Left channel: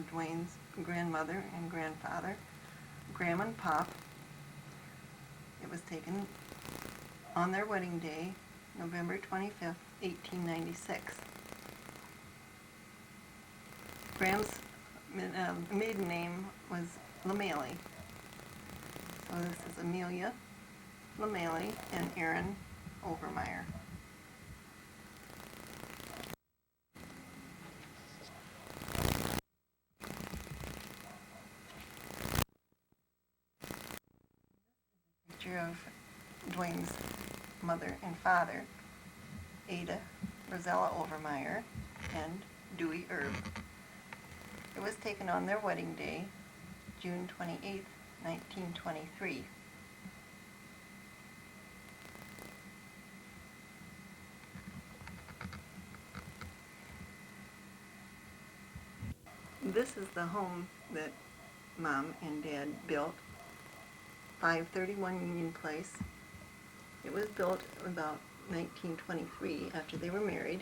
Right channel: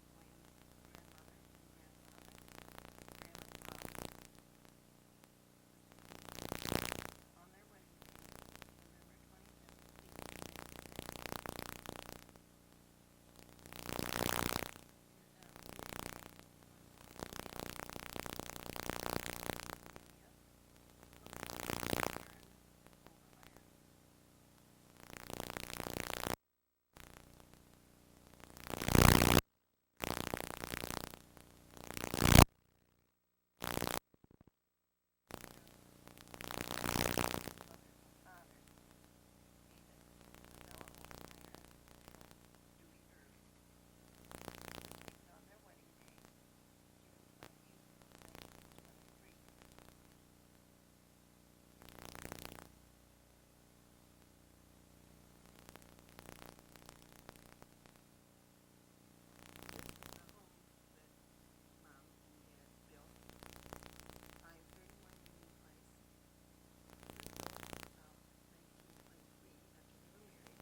of Dwayne's grandmother and grandfather, Graham and Pop. It was taken on their wedding day, November 25th, 1896. Graham's maiden name was LeMailey. So this is Amelia LeMailey and Aaron Overmeyer. Picture of Dwayne's mother and father, Ada Rosella Overmeyer and Dewey Erb. It was taken on their wedding day, June 28, 1923. This is the home that Mom and Dad built, 531 Union Place. It was built about 1923 after they were married.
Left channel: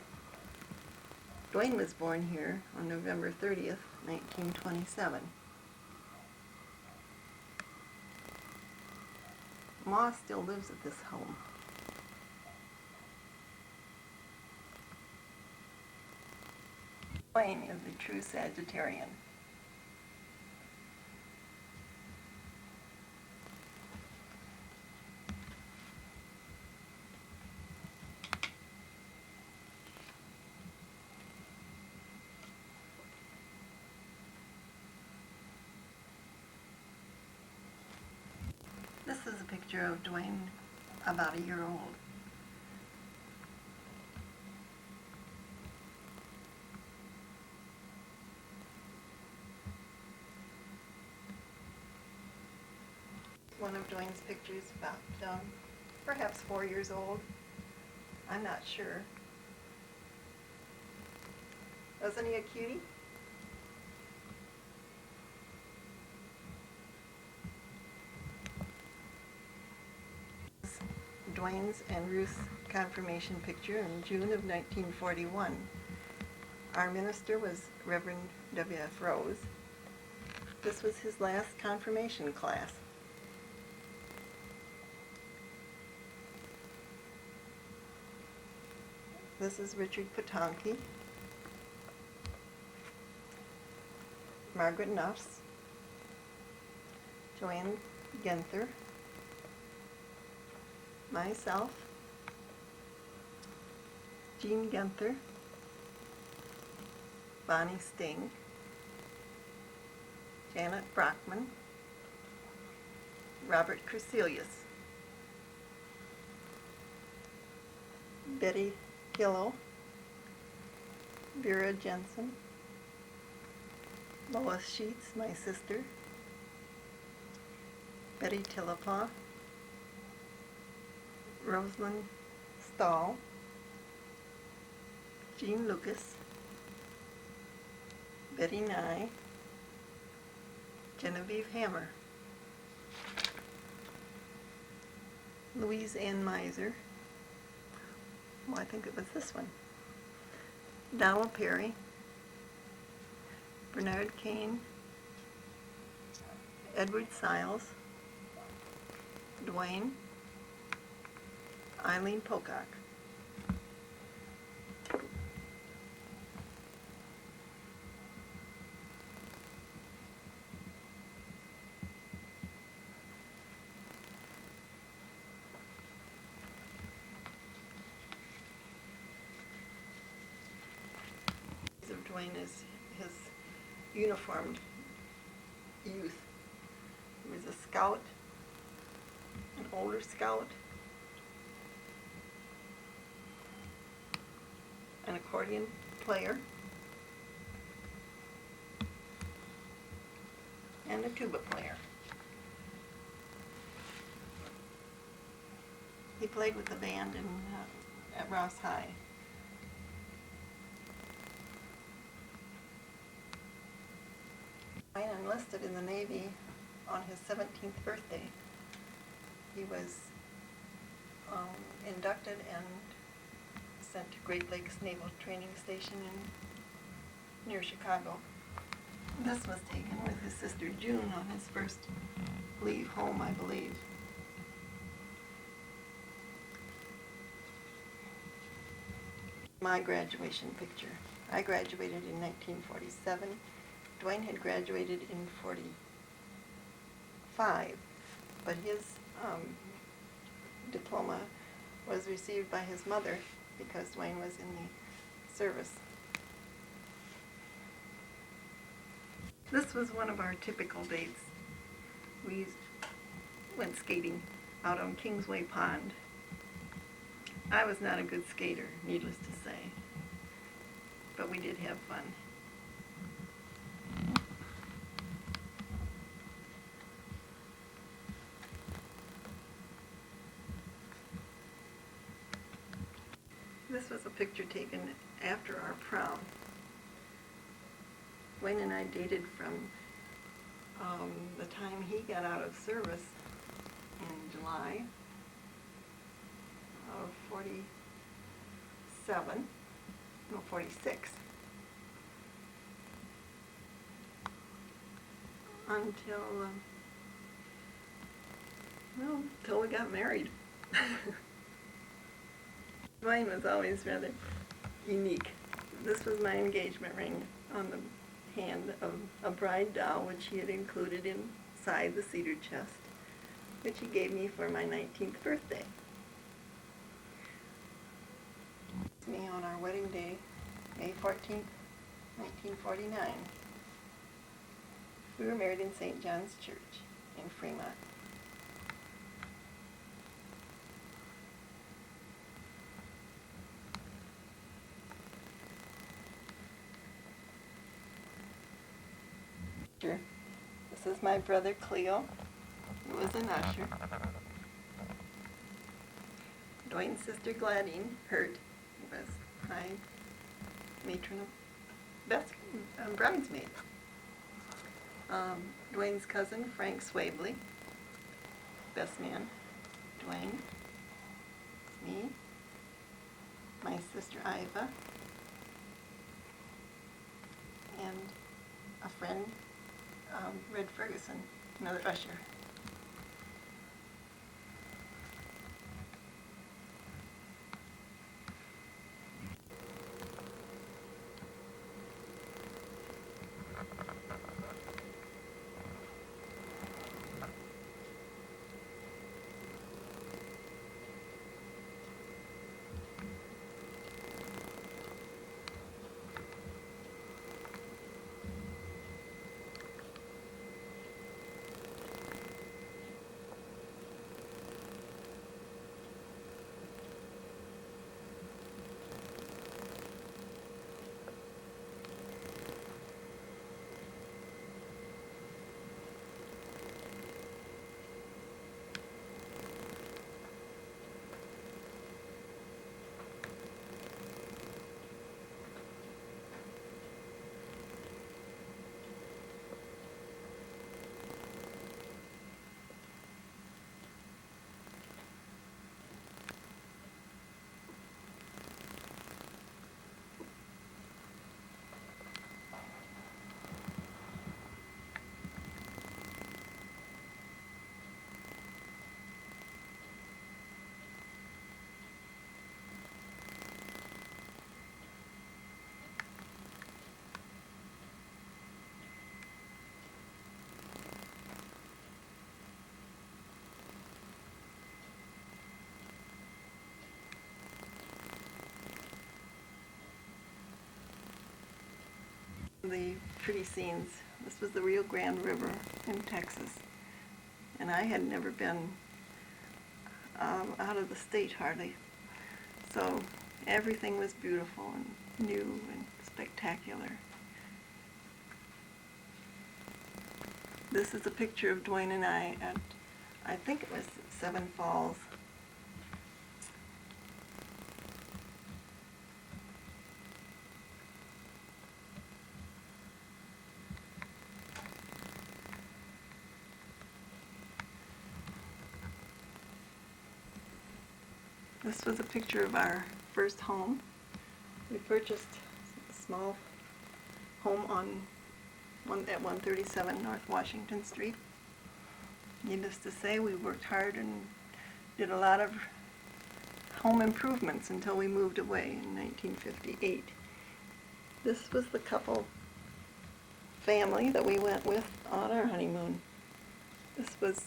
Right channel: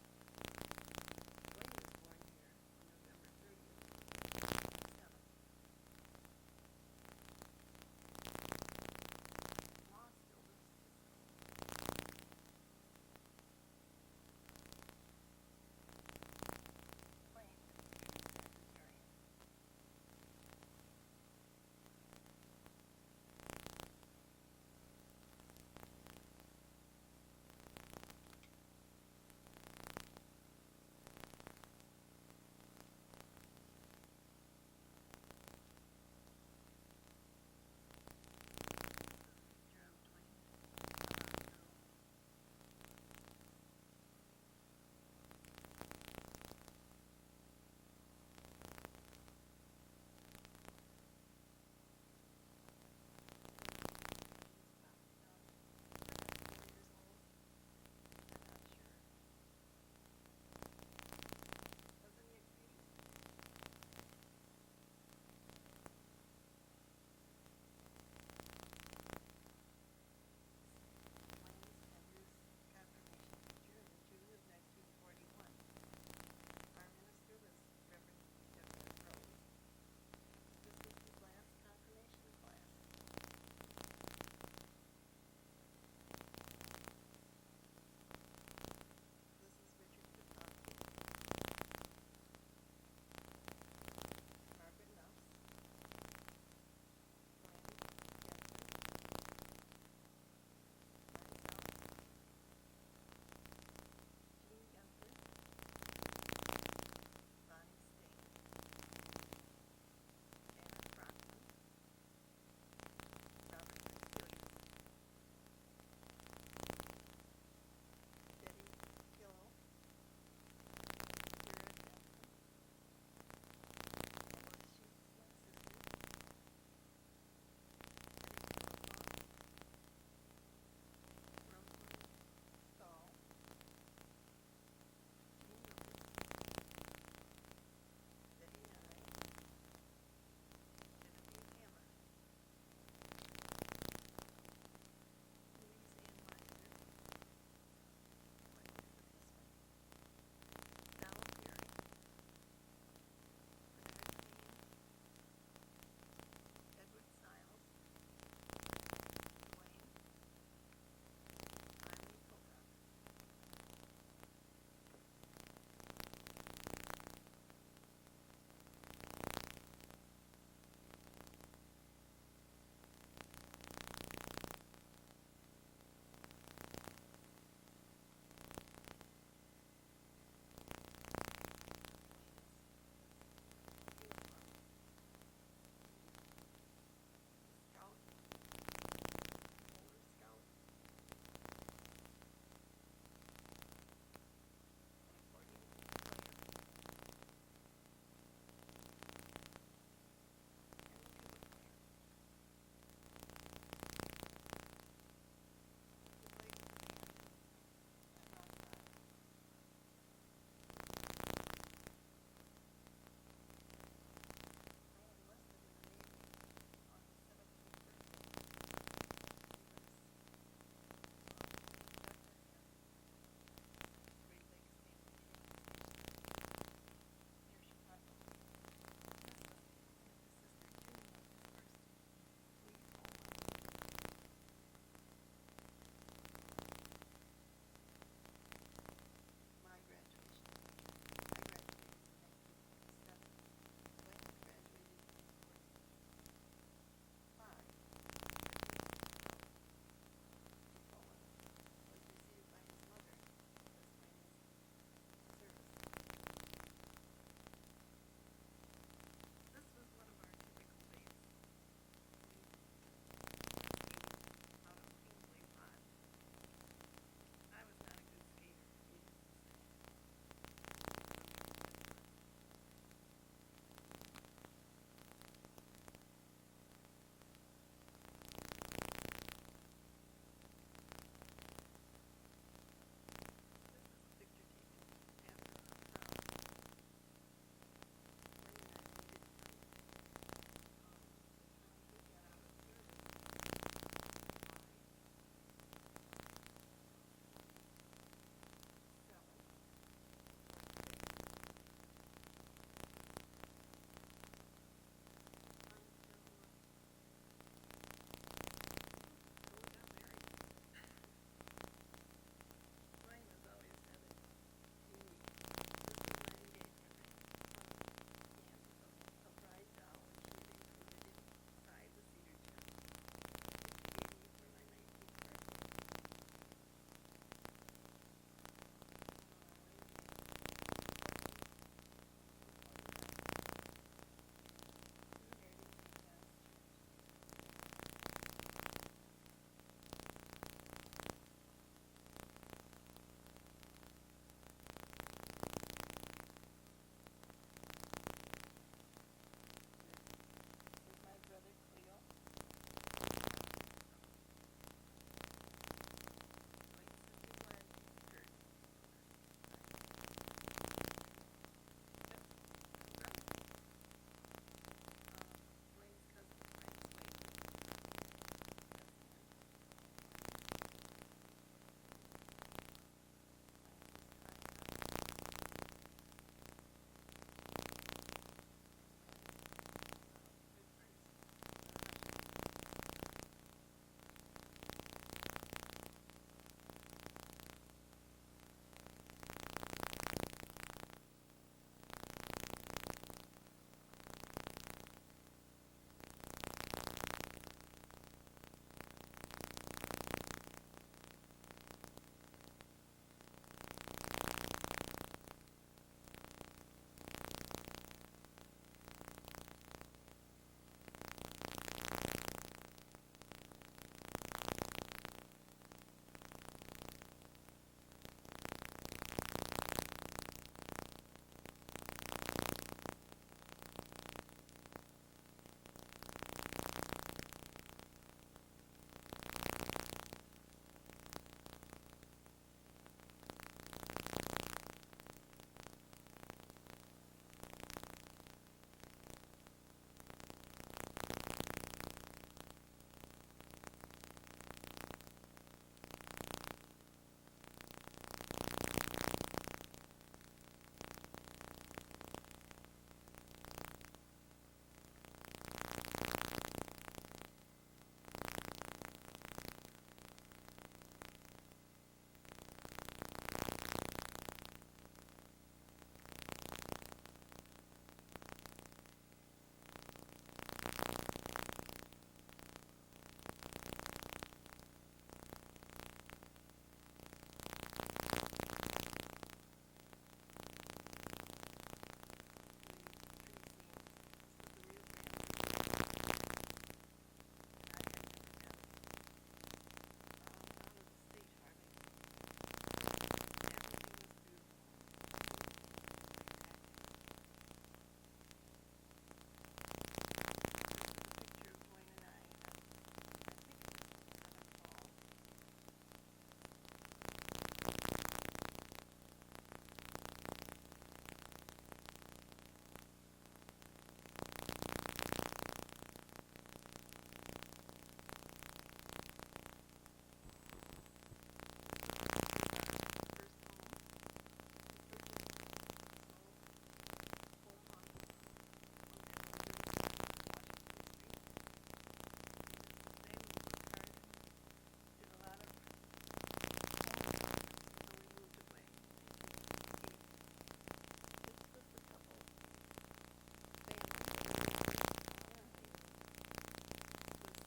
Dwayne was born here on November 30th, 1927. Ma still lives at this home. Dwayne is the true Sagittarian. This is a picture of Dwayne about a year old. One of Dwayne's pictures about perhaps 4 years old. I'm not sure. Wasn't he a cutie? Dwayne's and Ruth's confirmation picture in June of 1941. Our minister was Reverend W.F. Rose. This was his last confirmation class. This is Richard Potonki, Margaret Nuffs, Joanne Genther, myself, Jean Genther, Bonnie Sting, Janet Brockman, Robert Crecelius, Betty Hillo, Vera Jensen, Lois Sheets, my sister, Betty Tillapaw, Rosalind Stahl, Jean Lucas, Betty Nye, Genevieve Hammer, Louise Ann Miser, I think it was this one, Donald Perry, Bernard Kane, Edward Siles, Dwayne, Eileen Pocock. Dwayne is his uniformed youth. He was a scout, an older scout, an accordion player, and a tuba player. He played with the band at Ross High. Dwayne enlisted in the Navy on his 17th birthday. He was inducted and sent to Great Lakes Naval Training Station near Chicago. This was taken with his sister June on his first leave home, I believe. My graduation picture. I graduated in 1947. Dwayne had graduated in 45, but his diploma was received by his mother because Dwayne was in the service. This was one of our typical dates. We went skating out on Kingsway Pond. I was not a good skater, needless to say, but we did have fun. This was a picture taken after our prom. Wayne and I dated from the time he got out of service in July of 46, until we got married. Mine was always rather unique. This was my engagement ring on the hand of a bride doll, which he had included inside the cedar chest, which he gave me for my 19th birthday. It's me on our wedding day, May 14th, 1949. We were married in St. John's Church in Fremont. This is my brother Cleo, who was an usher. Dwayne's sister Gladine Hurt was my matron of bridesmaid. Dwayne's cousin Frank Swabley, best man. Dwayne, me, my sister Iva, and a friend, Red Ferguson, another usher. The pretty scenes. This was the Rio Grande River in Texas, and I had never been out of the state hardly, so everything was beautiful and new and spectacular. This is a picture of Dwayne and I at, I think it was Seven Falls. This was a picture of our first home. We purchased a small home on at 137 North Washington Street. Needless to say, we worked hard and did a lot of home improvements until we moved away in 1958. This was the couple family that we went with on our honeymoon. This was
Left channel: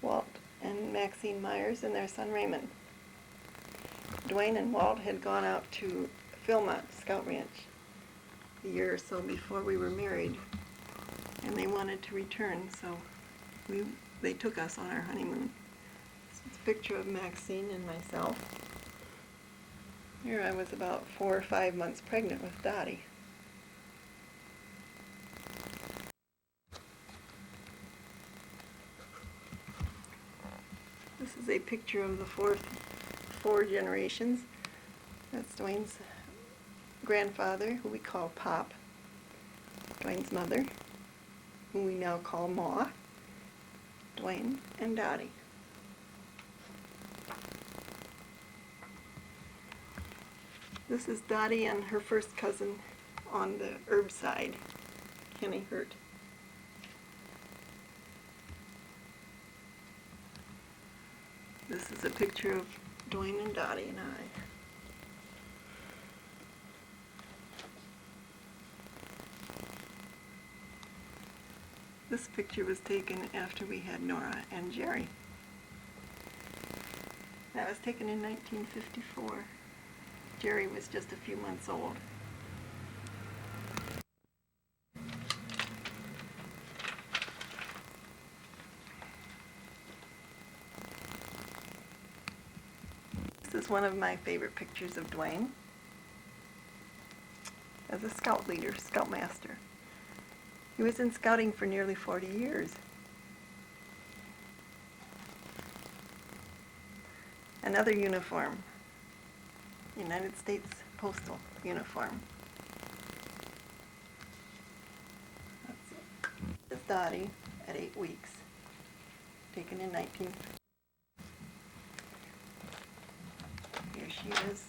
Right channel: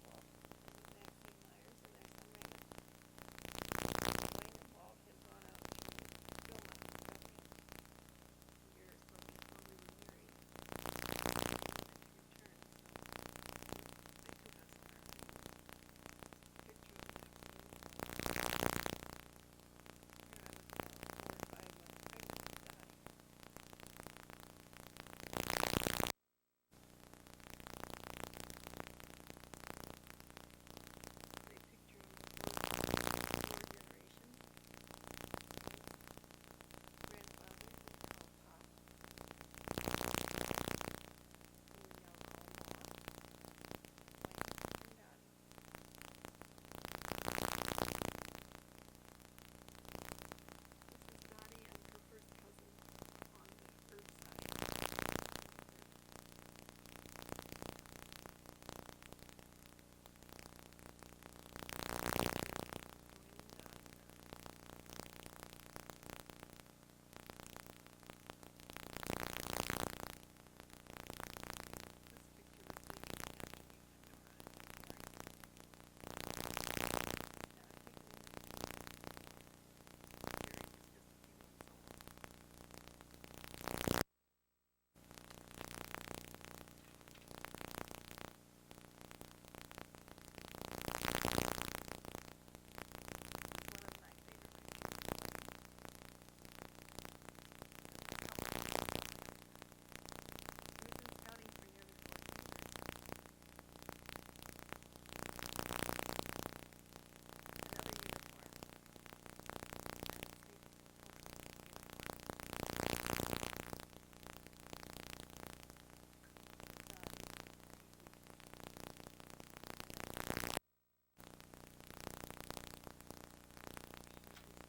Walt and Maxine Myers and their son Raymond. Dwayne and Walt had gone out to Philmont Scout Ranch a year or so before we were married, and they wanted to return, so they took us on our honeymoon. This is a picture of Maxine and myself. Here I was about 4 or 5 months pregnant with Dottie. This is a picture of the four generations. That's Dwayne's grandfather, who we call Pop, Dwayne's mother, who we now call Ma, Dwayne, and Dottie. This is Dottie and her first cousin on the Herb side, Kenny Hurt. This is a picture of Dwayne and Dottie and I. This picture was taken after we had Nora and Jerry. That was taken in 1954. Jerry was just a few months old. This is one of my favorite pictures of Dwayne as a scout leader, scoutmaster. He was in scouting for nearly 40 years. Another uniform, United States Postal uniform. This is Dottie at 8 weeks, taken in 19. Here she is,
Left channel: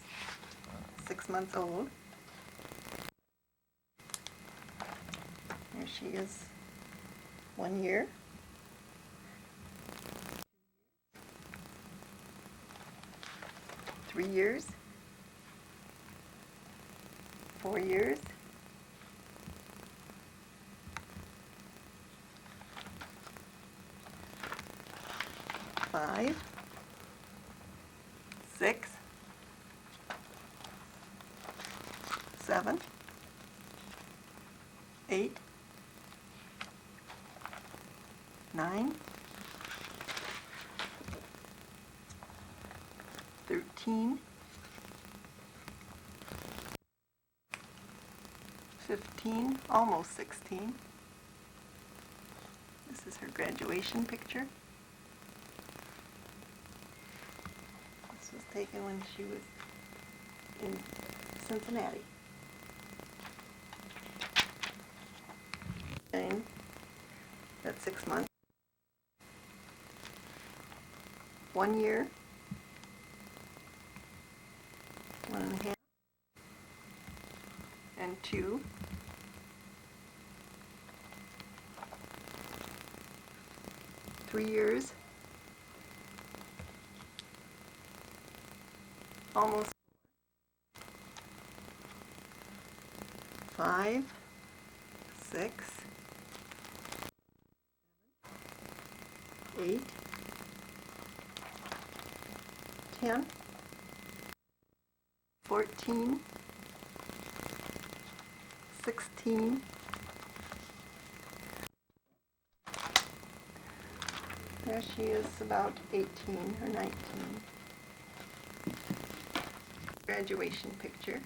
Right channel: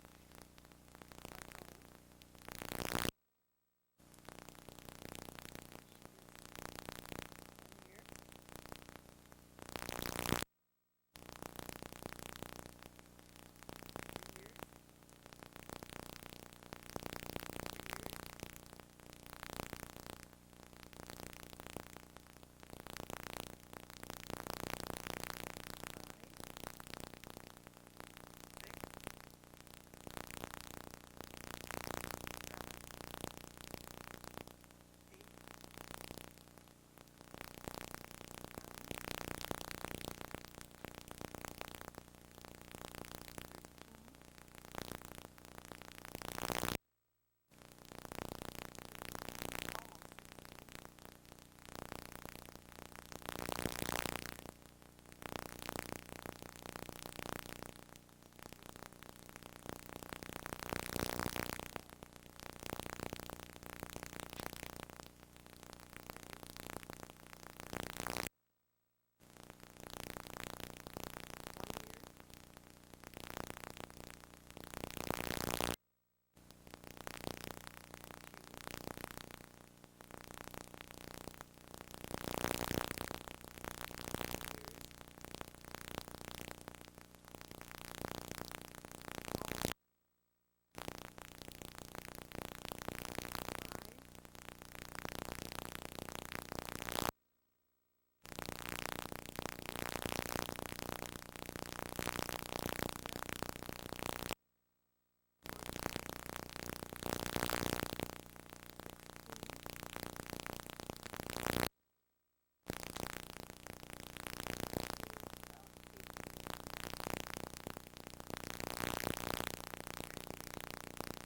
6 months old. Here she is, 1 year. 3 years. 4 years. 5. 6. 7. 8. 9. 13. 15, almost 16. This is her graduation picture. This was taken when she was in Cincinnati. And at 6 months. 1 year. 1.5. And 2. 3 years. Almost. 5. 6. 8. 10. 14. 16. There she is, about 18 or 19. Graduation picture.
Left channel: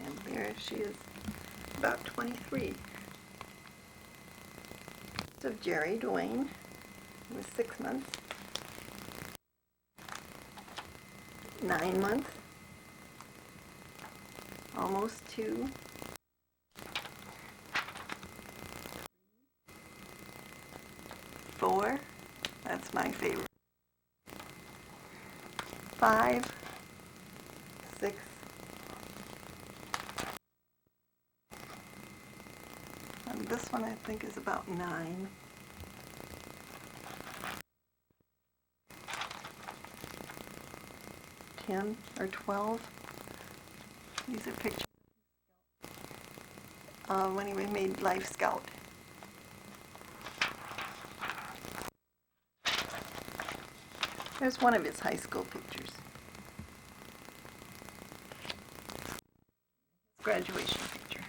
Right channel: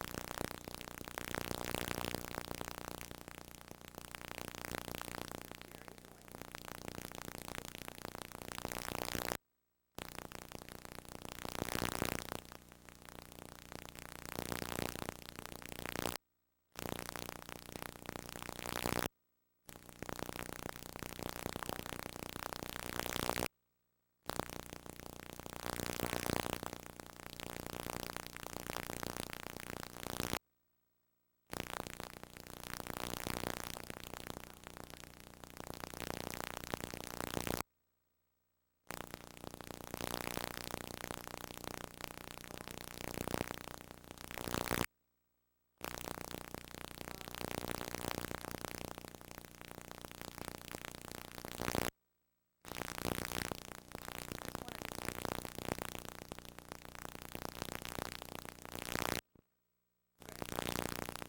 And there she is, about 23. Of Jerry Dwayne, who was 6 months. 9 months. Almost 2. 4. That's my favorite. 5. 6. one I think is about 9. Or 12. These are pictures when he made Life Scout. There's one of his high school pictures. Graduation picture.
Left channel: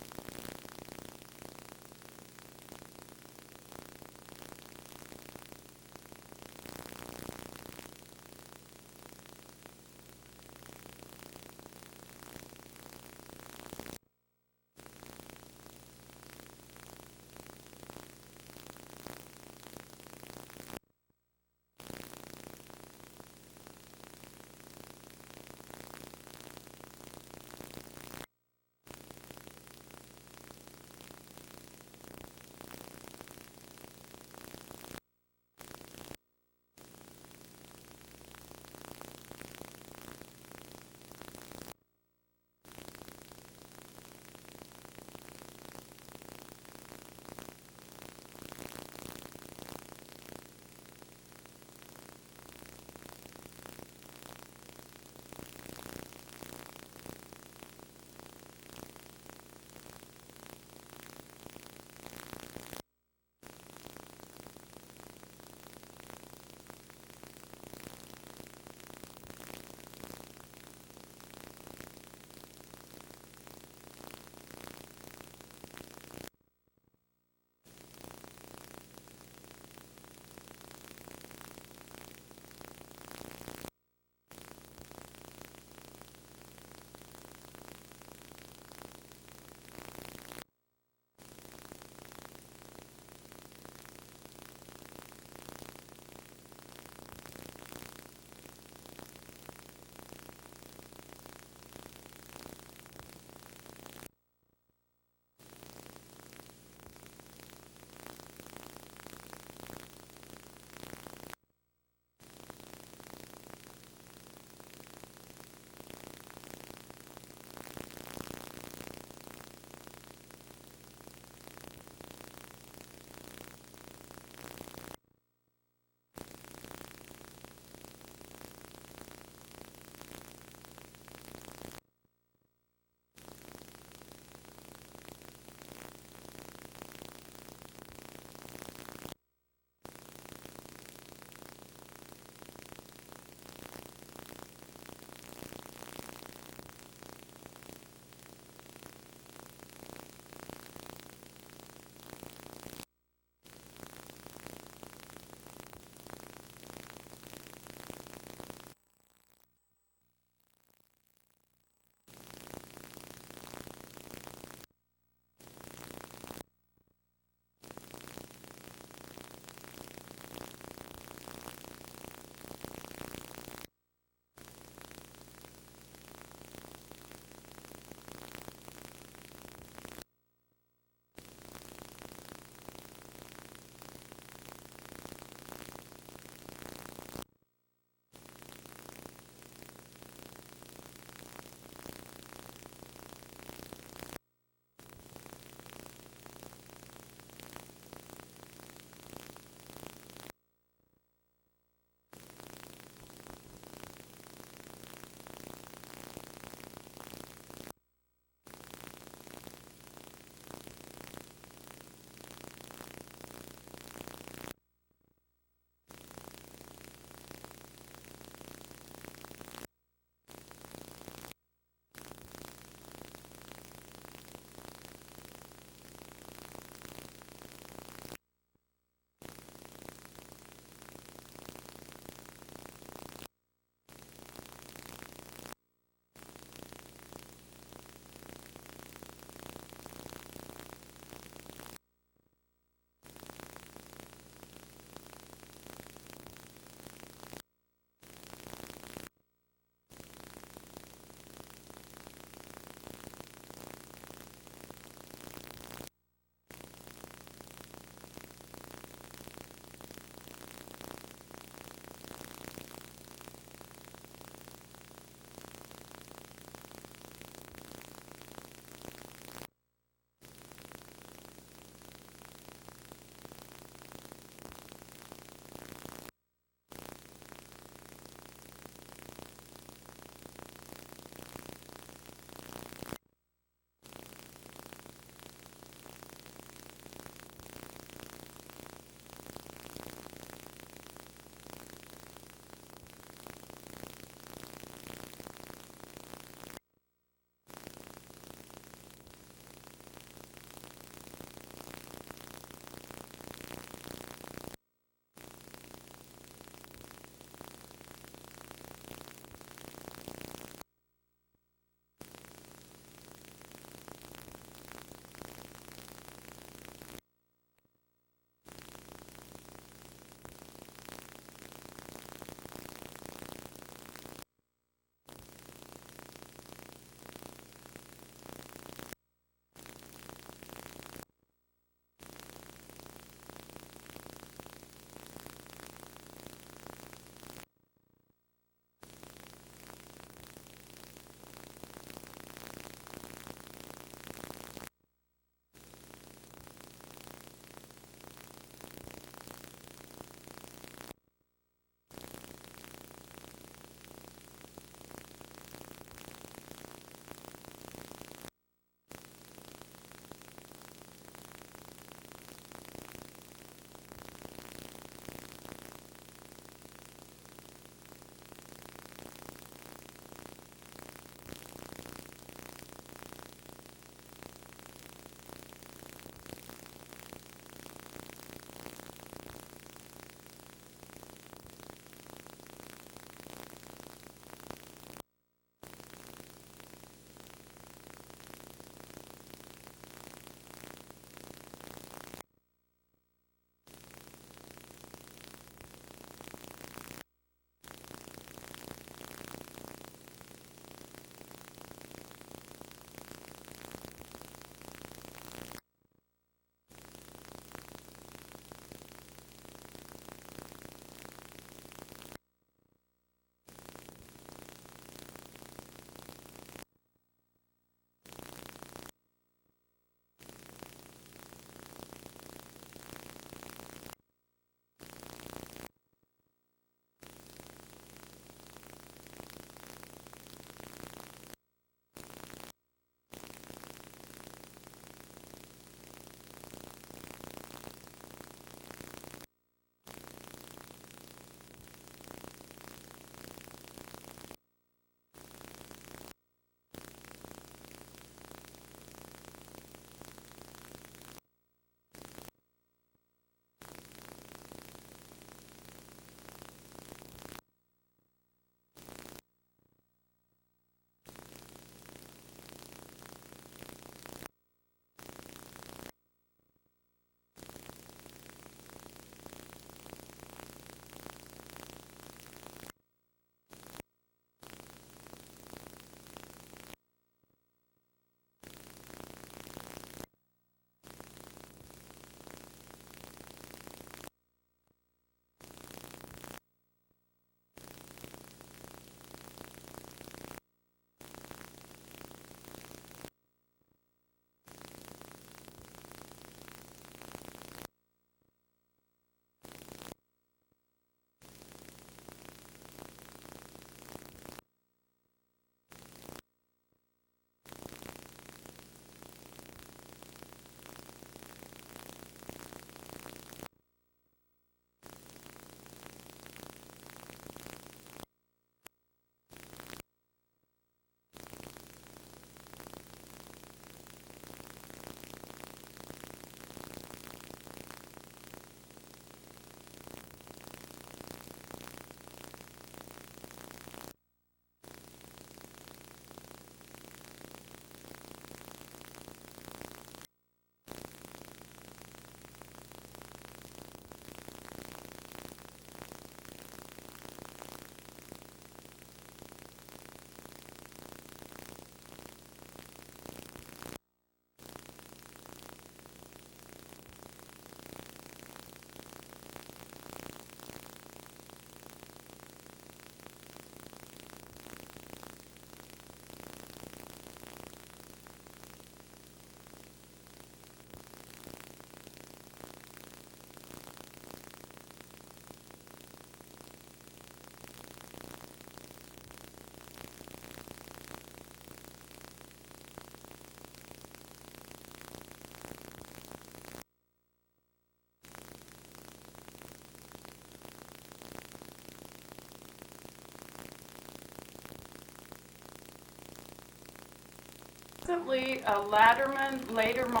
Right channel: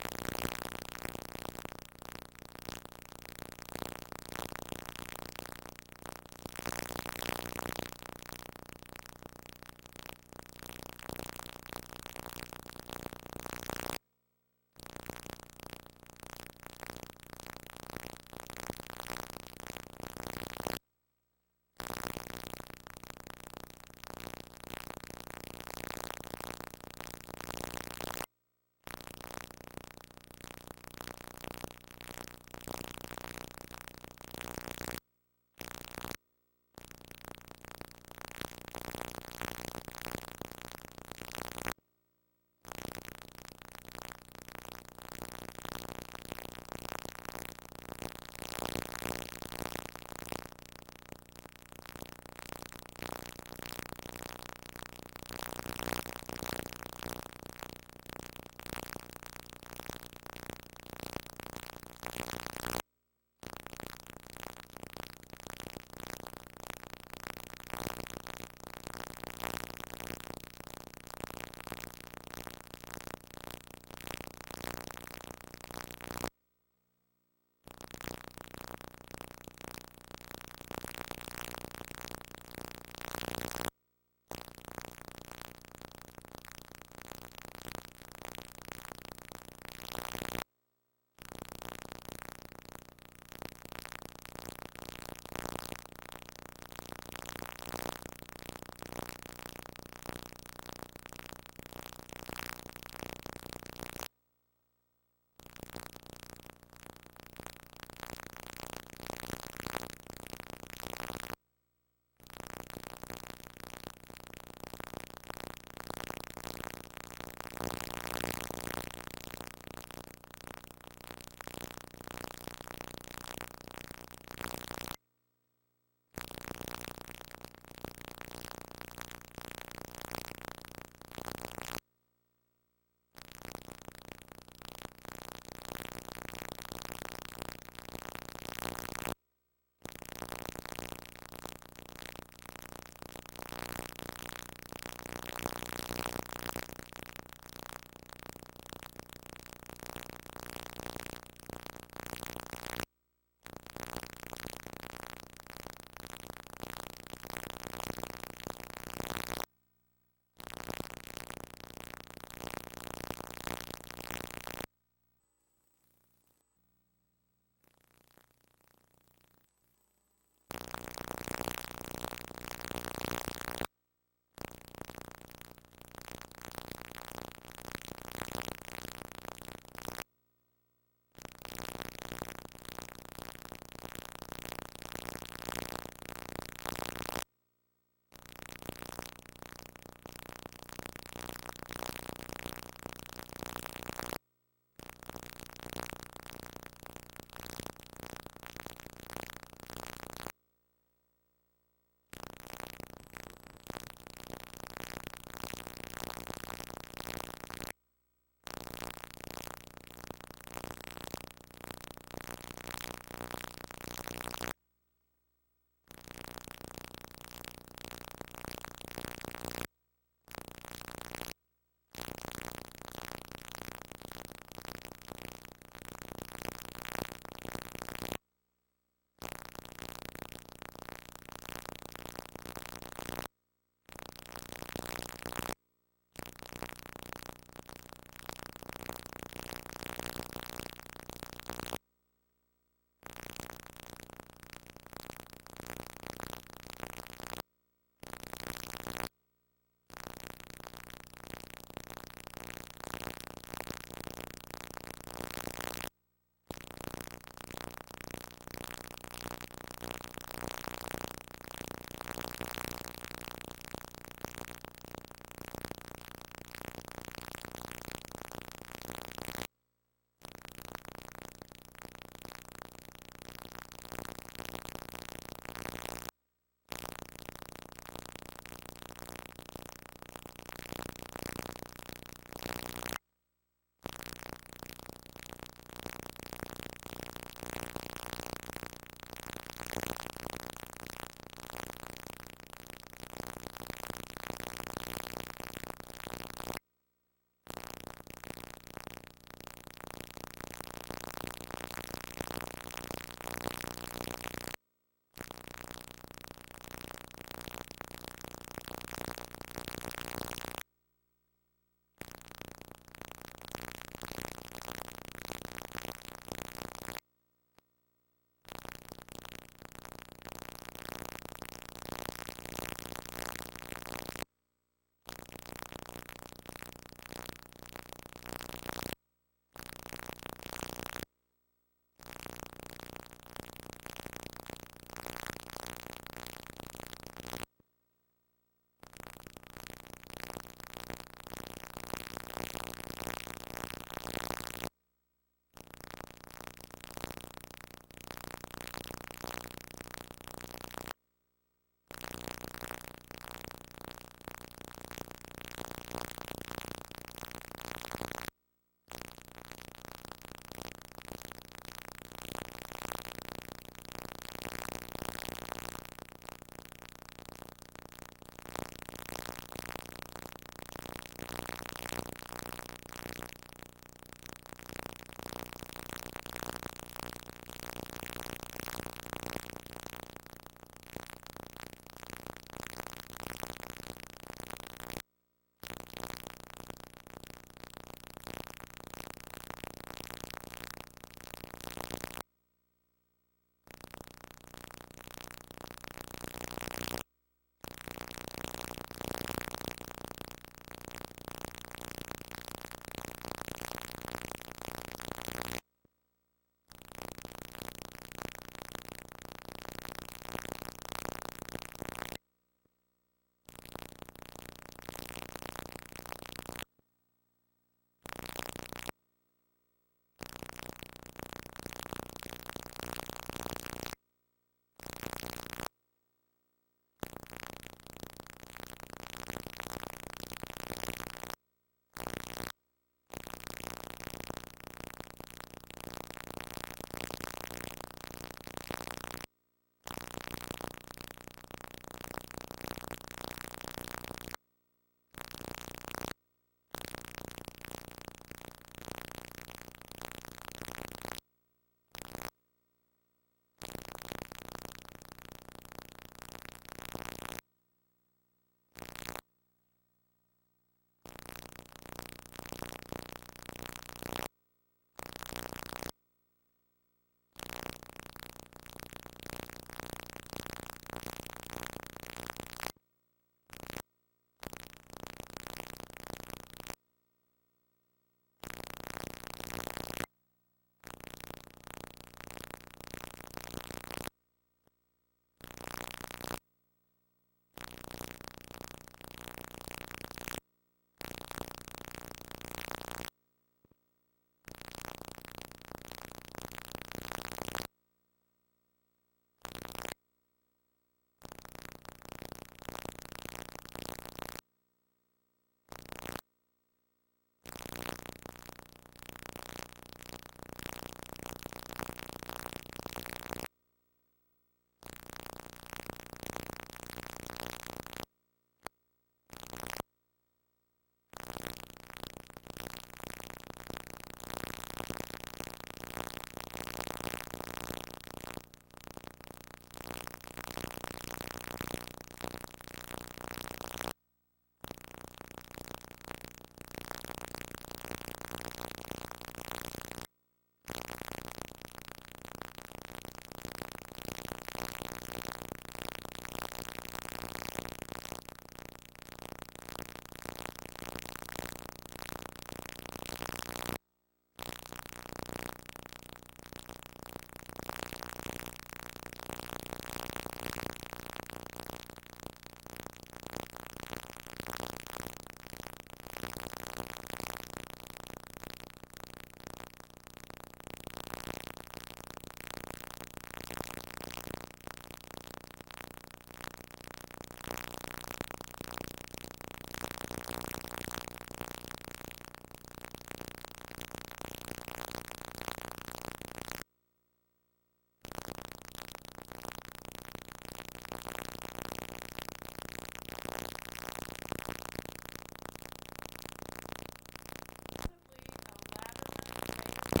Recently, a Latterman later model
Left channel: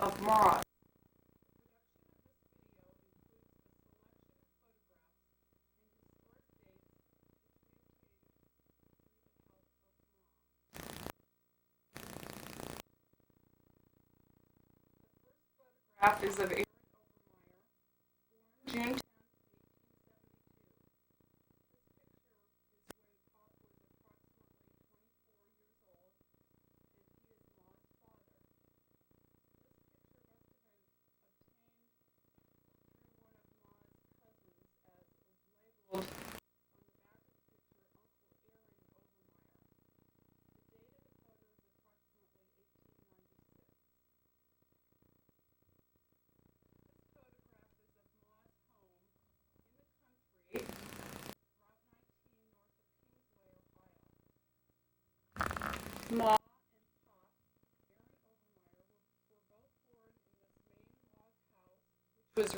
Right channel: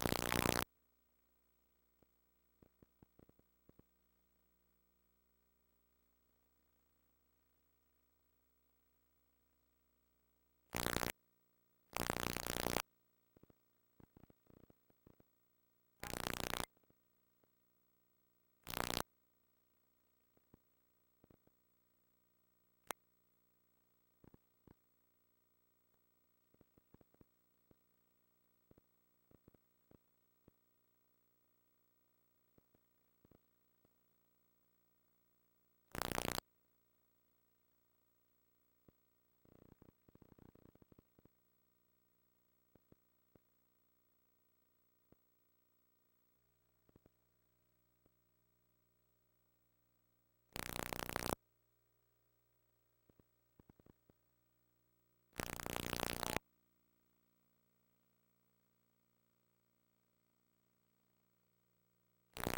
of Maude. Photograph is of Eric Obermeyer, June 10, 1919. Was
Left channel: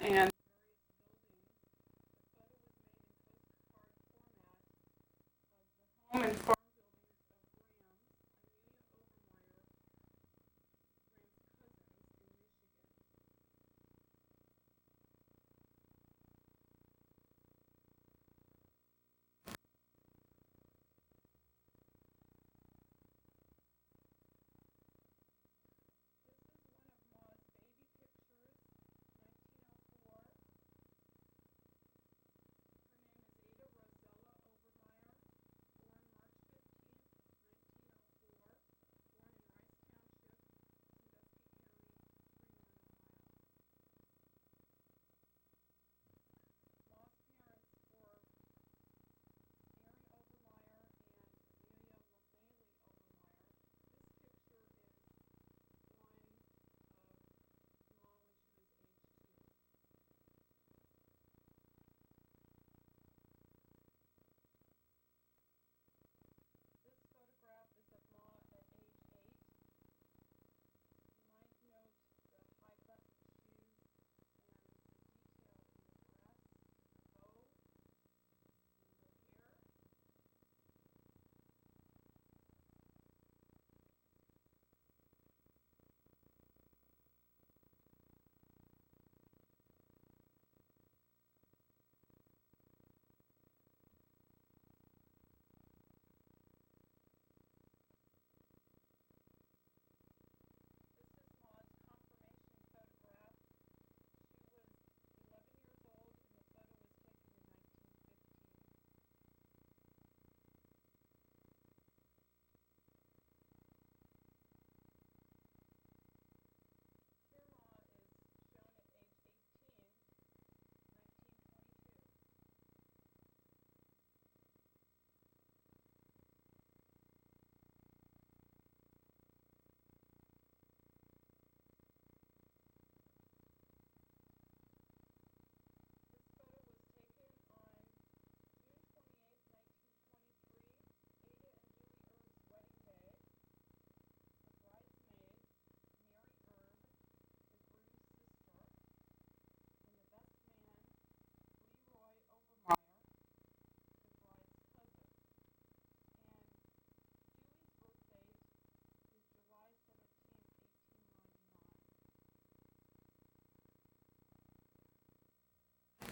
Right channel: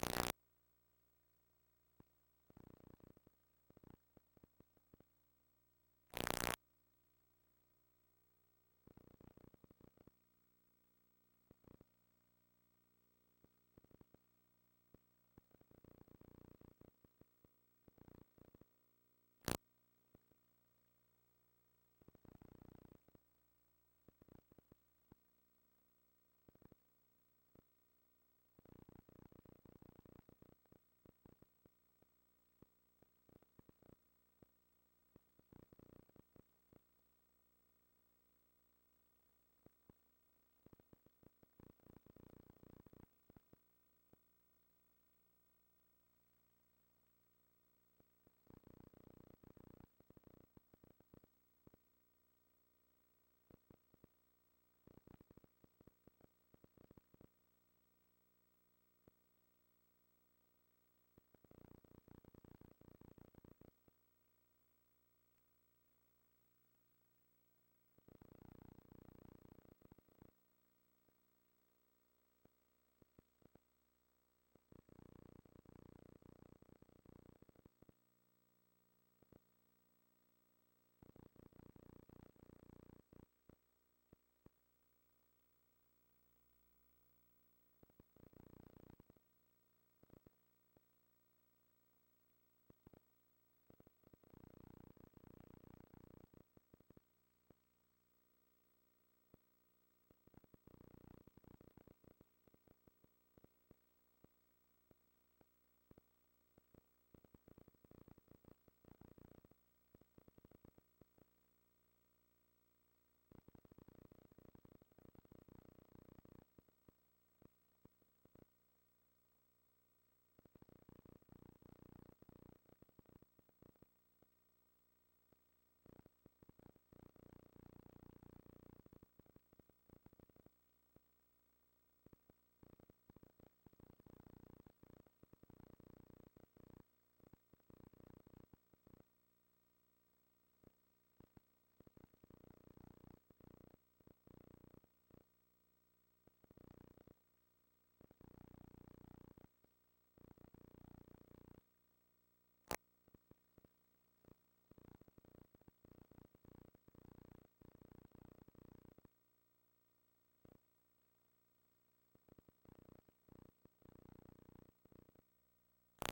and home and farm.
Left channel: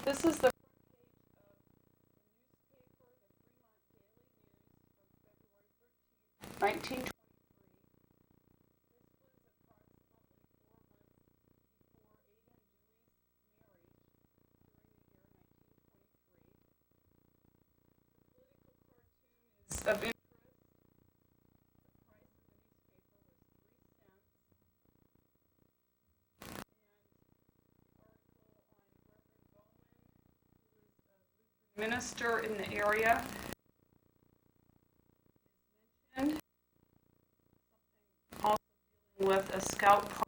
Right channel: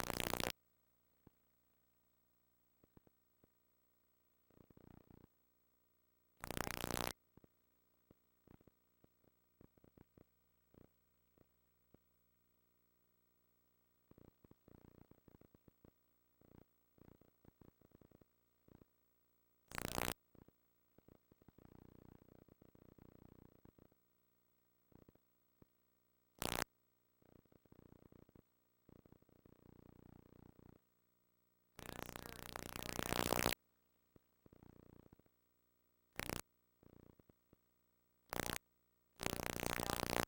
This is the 1920. Of minister in the area. And also with a scout party.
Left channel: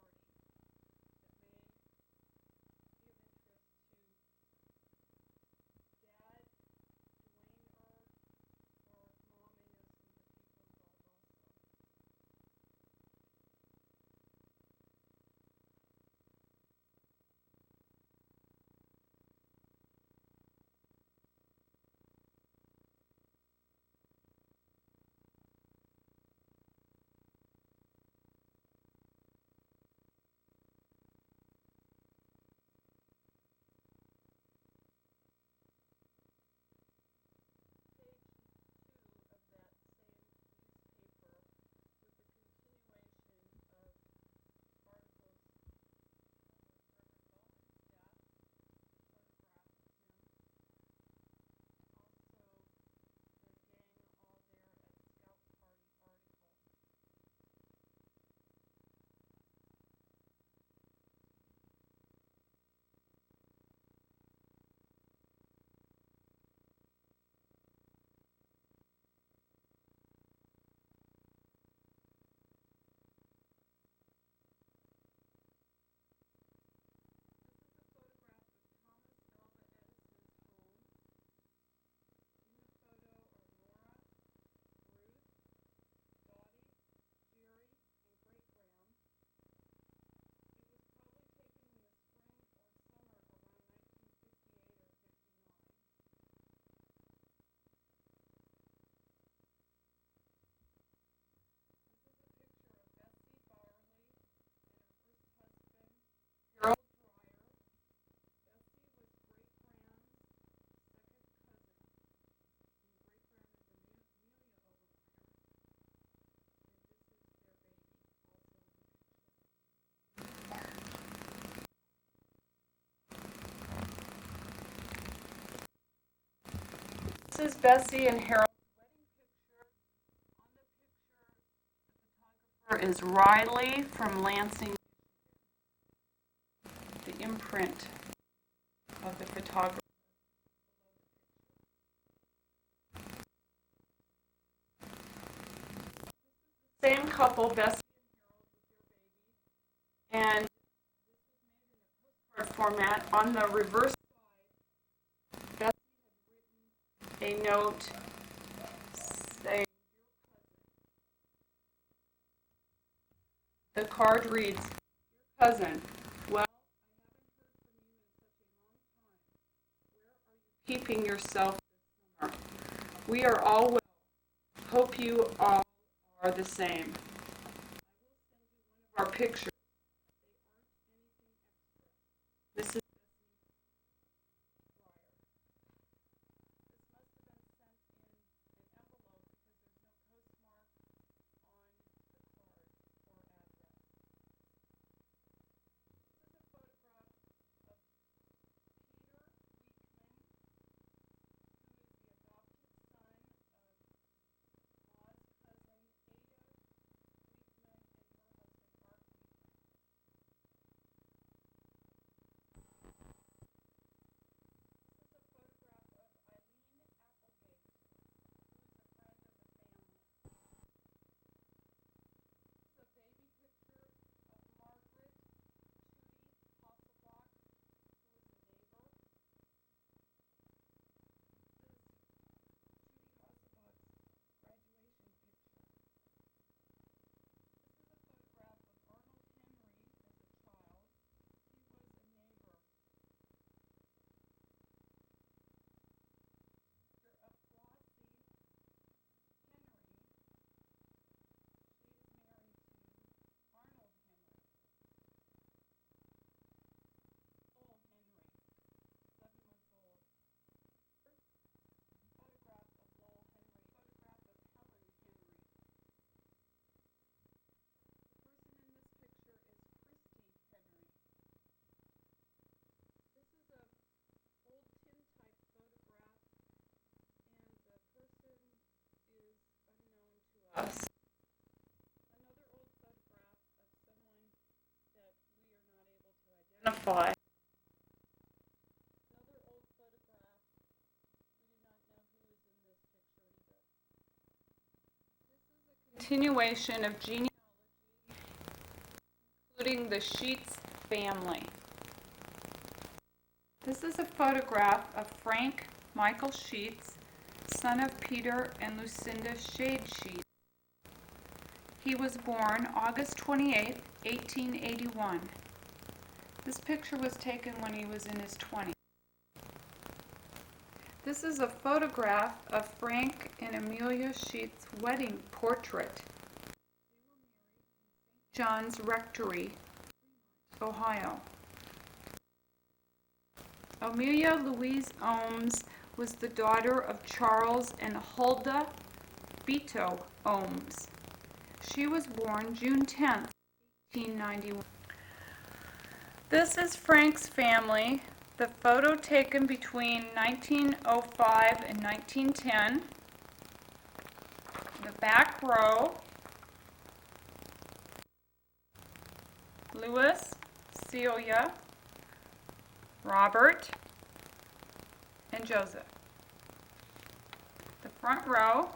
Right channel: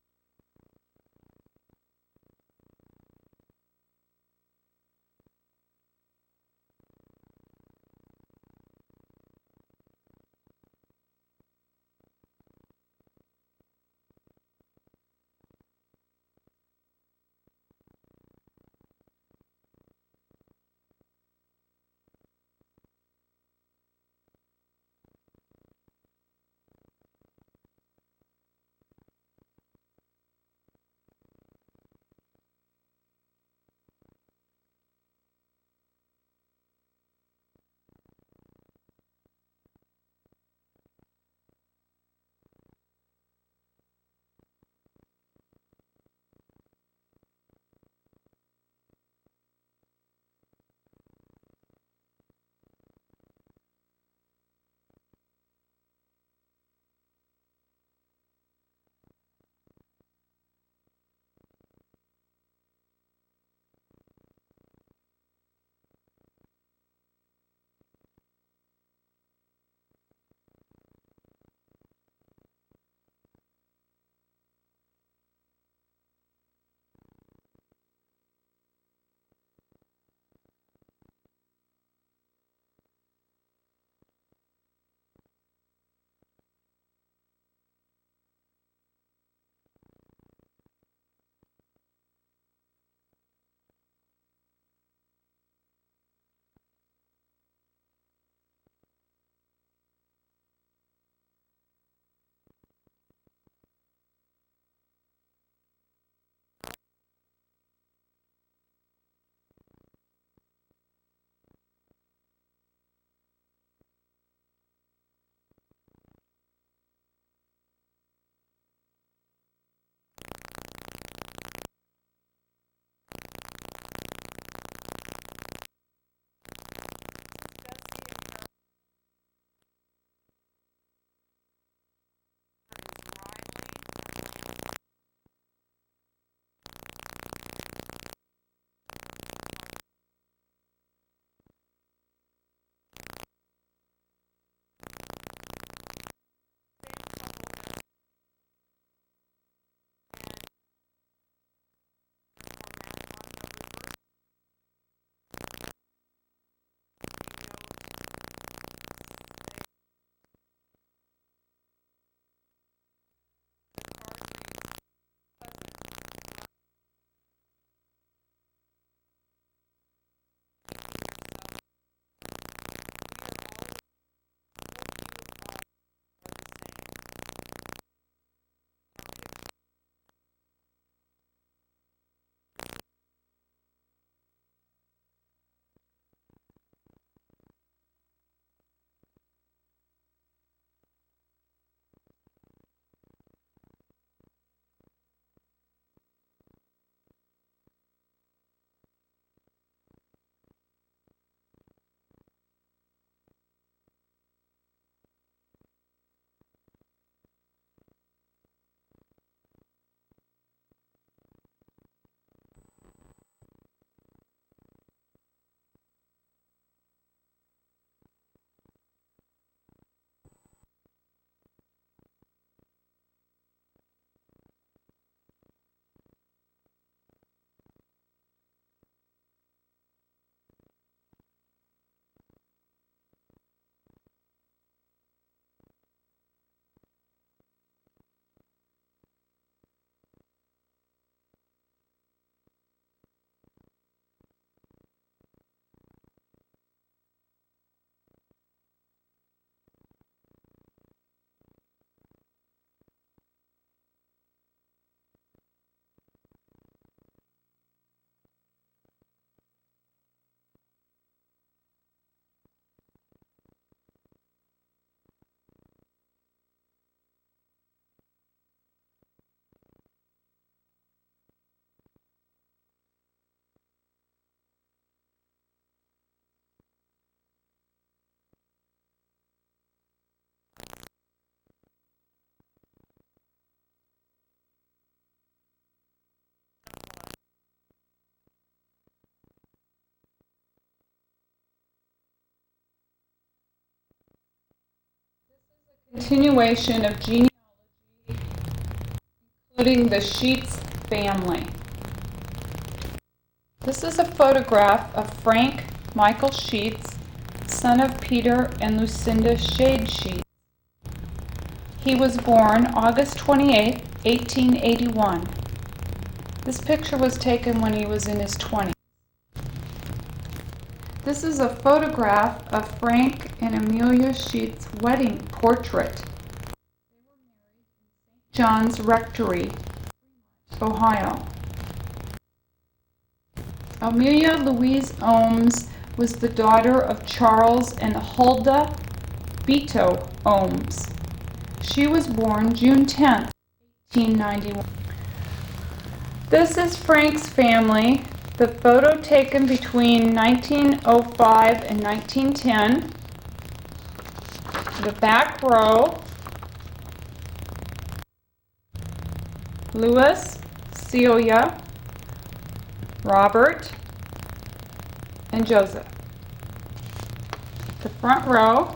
is Bessie and Harold. On the picture is Riley from Lansing. The imprint of the photographer. Same couple, Bessie and format. On the reverse side, Bessie a note saying, the card reads, cousin, well, keeping yourself this summer. We are all well. Hope you all are the same. Our picture. This is us. Identify. Continuation of genealogy, including the Sheets family. This is a photograph of Frank Michael Sheets, son of Peter and Lucinda Shade Sheets. He was born August 28, 1881. This picture was taken when he was in his 20s. This is a photograph of Frank and Amelia Sheets' wedding portrait. John's Rectory, Ohio. Amelia Louise Ohms was the daughter of Charles and Huldah Beto Ohms. She was born June 10, 1891. This is Frank's family, the photo taken between 1905 and 1910. The back row, Louis, Celia, Robert, and Joseph. The front row,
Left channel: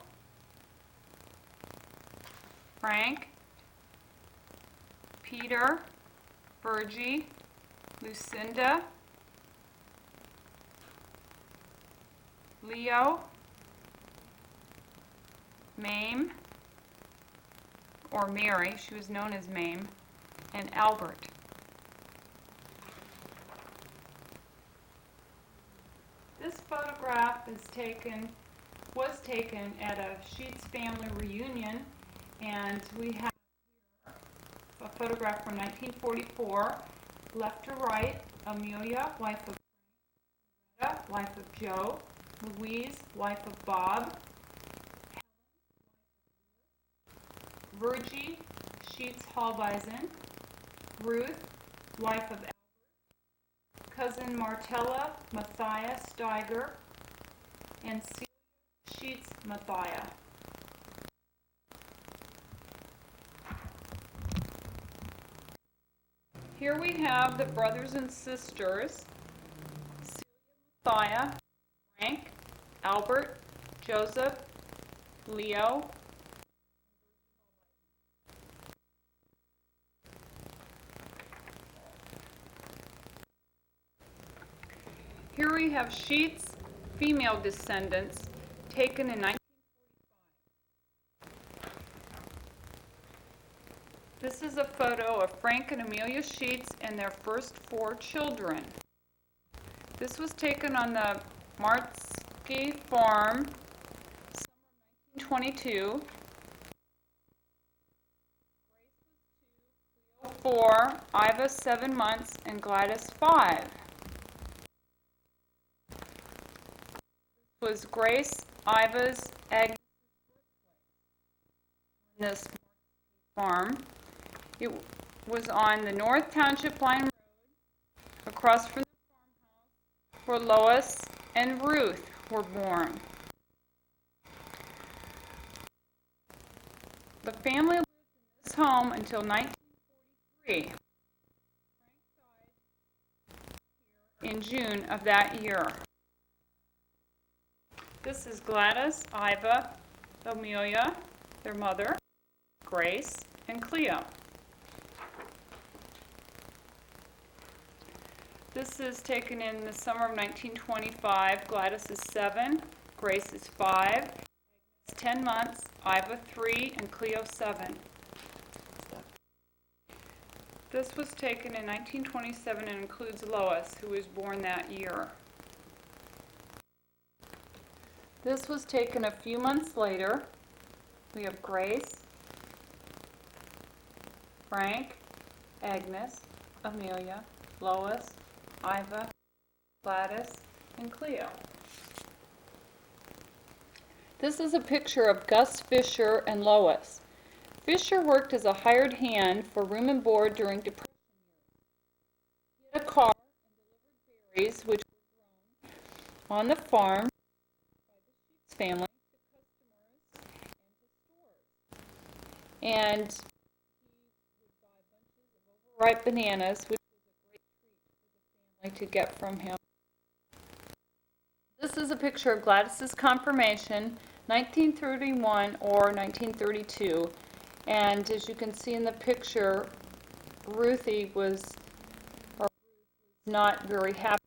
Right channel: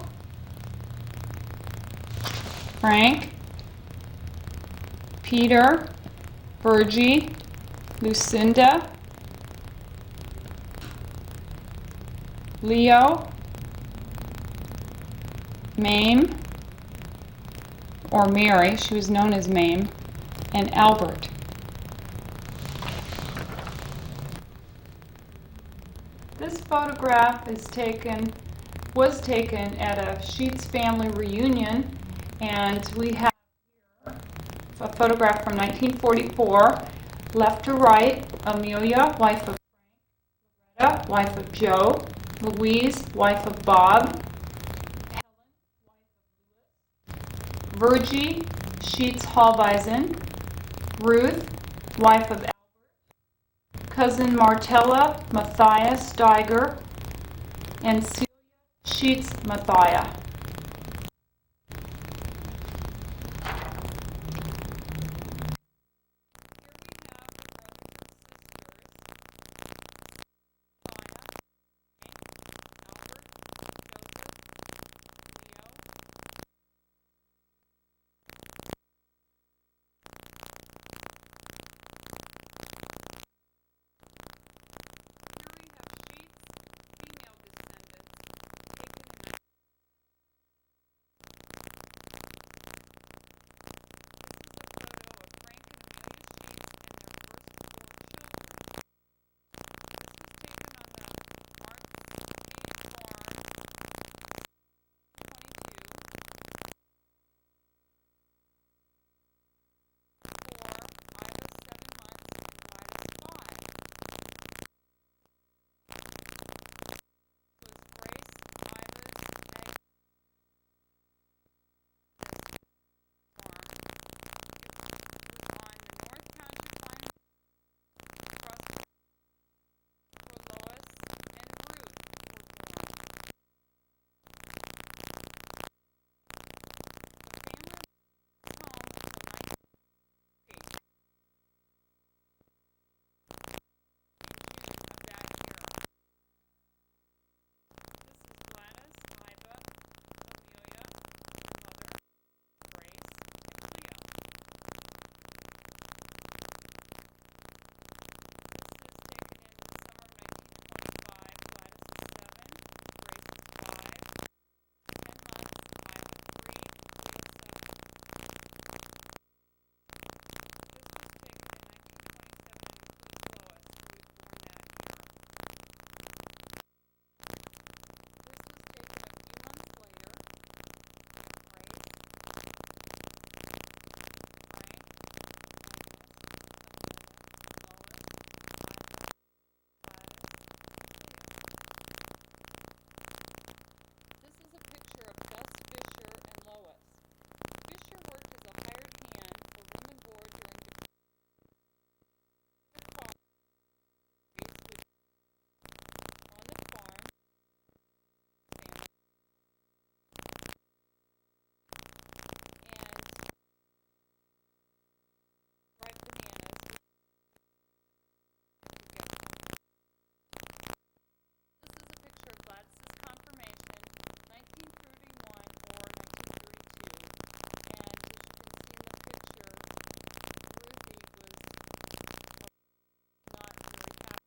Frank, Peter, Virgie, Lucinda, Leo, Mame, or Mary, she was known as Mame, and Albert. This photograph was taken at a Sheets family reunion, and we have a photograph from 1944, left to right, Amelia, wife of Frank, Loretta, wife of Joe, Louise, wife of Bob, Virgie, Sheets Hallweisen, Ruth, wife of Albert, cousin Martella, Matthias Steiger, and Celia Sheets Mathia. Here we have the brothers and sisters, Mathia, Frank, Albert, Joseph, Leo. Here we have Sheets' female descendants taken in 1945. This is a photo of Frank and Amelia Sheets and their first 4 children. This was taken on the Martsky farm, summer 1922. 4, Iva 7 months, and Gladys 5. Was Grace Iva's egg on this farm. It was on the North Township Line Road, across from the farmhouse where Lois and Ruth were born. The family lived in this home until 1943. In June of that year. This is Gladys, Iva, Amelia, their mother, Grace, and Cleo. This is taken in the summer of 1925. Gladys is 7, Grace is 5, 10 months, Iva 3, and Cleo 7. This was taken in 1927 and includes Lois, who was born that year. This was taken a few months later. We have Grace, Frank, Agnes, Amelia, Lois, Iva, Gladys, and Cleo. This is a picture of Gus Fisher and Lois. Fisher worked as a hired hand for room and board during Depression. He had a car and delivered berries, which were grown on the farm by the Sheets family to customers and to stores. And he would buy bunches of overripe bananas, which was a great treat for the family to get from him. This is a picture of Gladys's confirmation, 1931 or 1932. And as you can see in the picture, Ruthie was not very happy.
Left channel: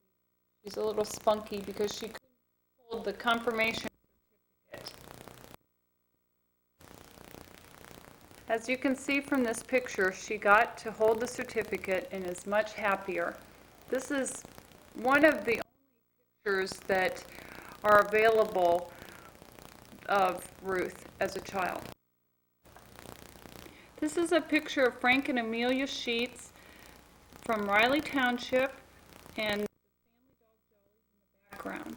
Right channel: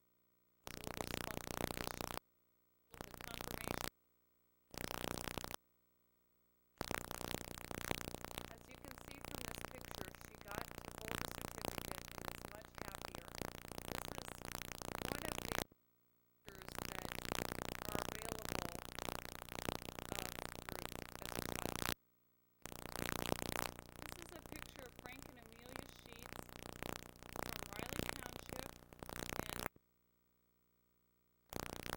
She's a little spunky because she couldn't hold the confirmation certificate. As you can see from this picture, she got to hold the certificate and is much happier. This is one of the only pictures that are available of Ruth as a child. This is a picture of Frank and Amelia Sheets from Riley Township and the family dog in the background.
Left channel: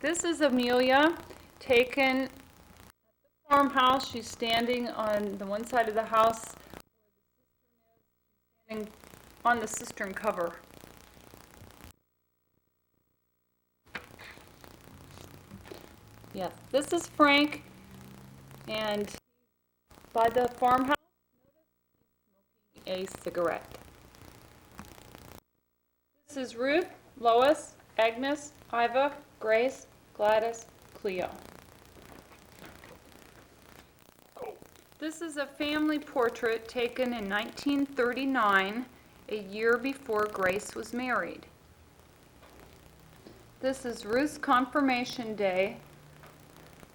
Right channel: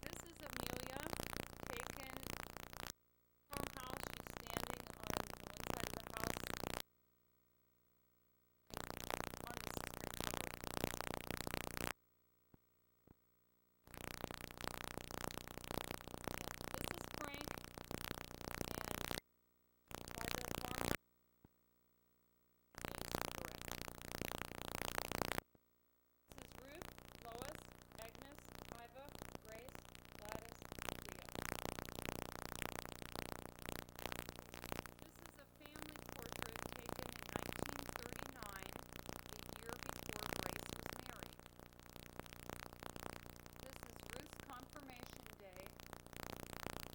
This is Amelia taken at the farmhouse. She's standing on the one side of the house and on the cistern cover. Yes, this is Frank, and by the farmhouse, smoking a cigarette. This is Ruth, Lois, Agnes, Iva, Grace, Gladys, Cleo. This is a family portrait taken in 1939, a year before Grace was married. This is Ruth's confirmation day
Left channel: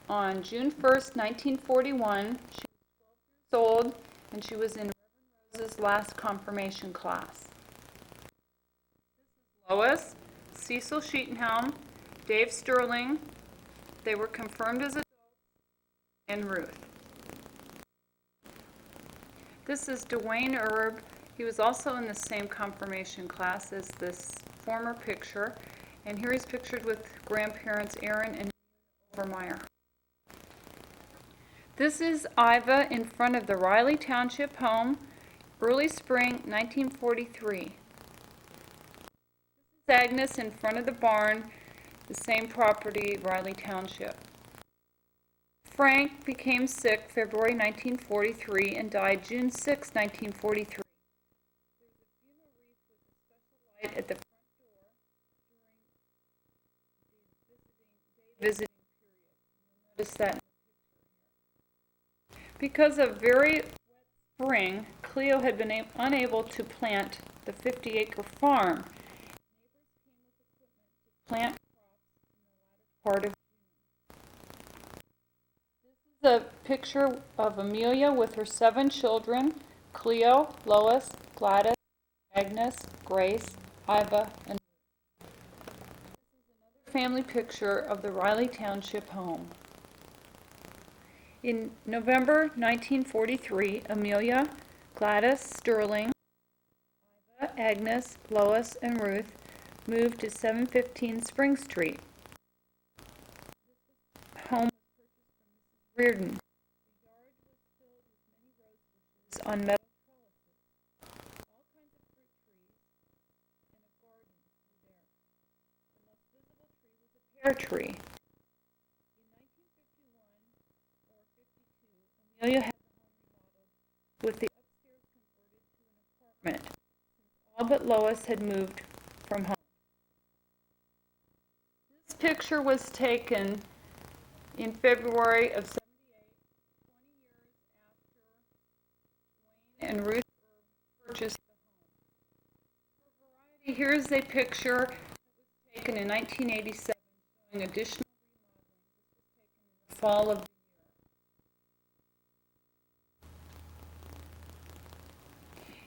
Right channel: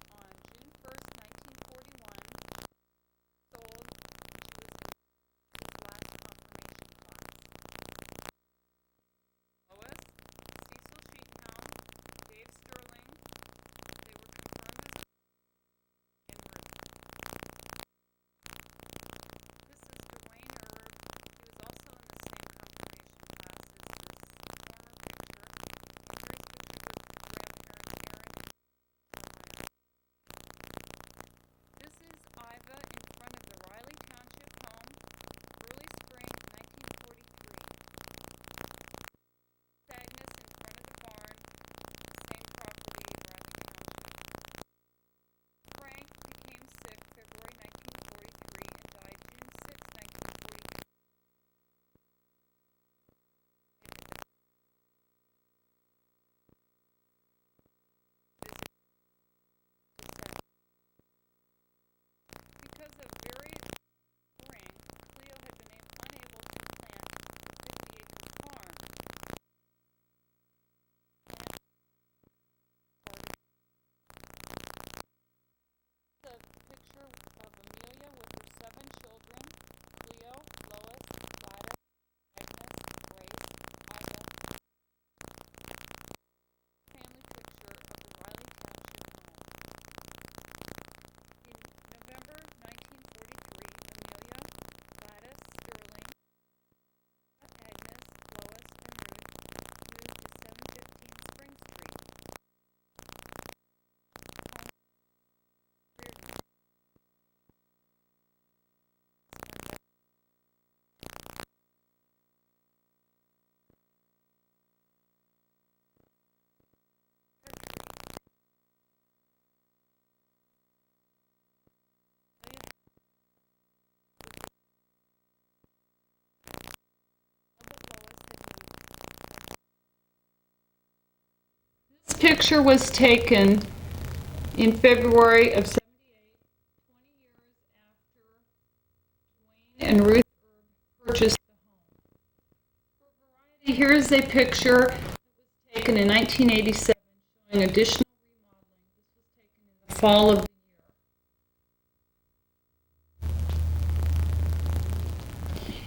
on June 1st, 1941. She was 12 years old, and she was in Reverend Rose's last confirmation class. Lois, Cecil Sheetenhelm, Dave Sterling, they were confirmed as adults, and Ruth. This is Dwayne Erb. He was also in the same confirmation class as this former picture, and here he's pictured with grandparents Aaron and Overmeyer. This is Iva in front of the Riley Township home, early spring 1943. This is Agnes in front of the barn the same property, Riley Township. Frank became sick February 1943 and died June 6, 1943. At the front door during the visiting period. Notice that. Because of very wet spring, Cleo had been unable to plant the 50-acre farm. Plant part of. This is a picture of Amelia with her 7 children: Cleo, Lois, Gladys, Agnes, Grace, Iva, and family picture of the Riley Township home. In November 1943, Amelia, Gladys, Sterling, Iva, Agnes, Lois, and Ruth moved to 715 Spring Street. Home Reardon. On Meadow tree. Amelia had with the upstairs converted to an apartment. All but Lois had moved from home. This picture was taken in February of 78, 20 years after Dwayne and Ruth purchased the home. For variety, here is a picture that was taken in 1987. Additional remodeling. This was taken in the fall of the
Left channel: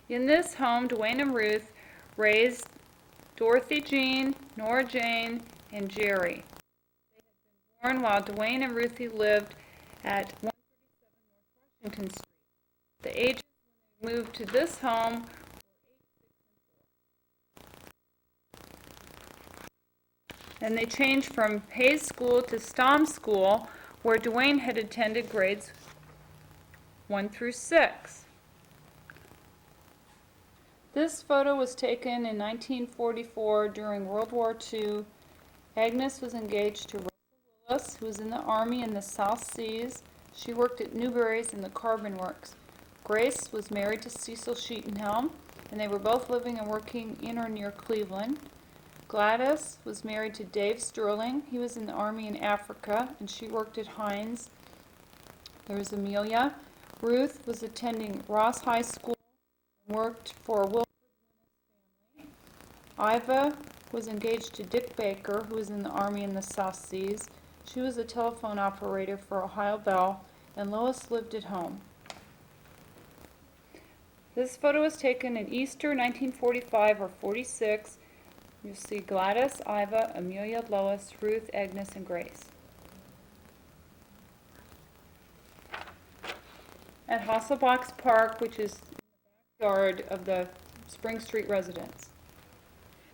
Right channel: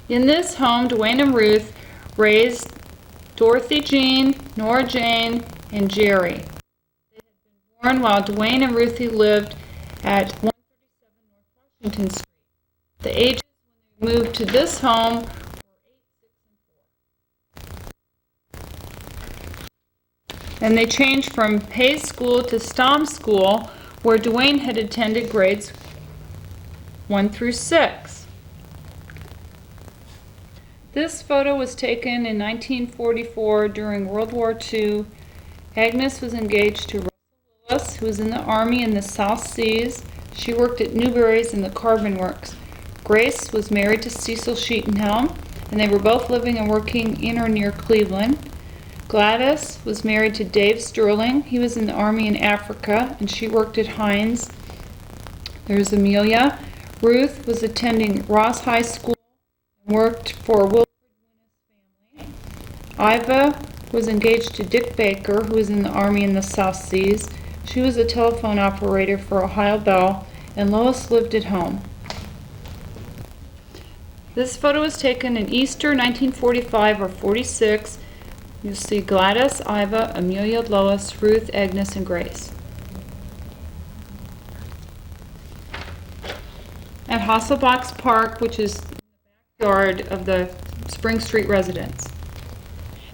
year. In this home, Dwayne and Ruth raised Dorothy Jean, Nora Jane, and Jerry. They had been born while Dwayne and Ruthie lived at 137 North Washington Street. The ages when they moved to this home were 8, 6, and 4. And they changed from Hayes School to Stom School, where Dwayne had attended grades 1 through 6. This photo was taken in 1944 during World War II. Agnes was engaged to Russell Willis, who was in the Army in the South Seas. She worked at Newberry's in the Carbon Works. Grace was married to Cecil Sheetenhelm, and they were both living and working in or near Cleveland. Gladys was married to Dave Sterling. He was in the Army in Africa, and she worked at Heinz. There's Amelia. Ruth was attending Ross High School and worked for Wilfred Winnis family. Iva was engaged to Dick Baker, who was in the Army in the South Seas. She was a telephone operator for Ohio Bell, and Lois lived at home. This photo was taken in Easter 1945 or 46. You'll see Gladys, Iva, Amelia, Lois, Ruth, Agnes, and Grace. At Hasselbach's Park, which is in the backyard of the Spring Street residence.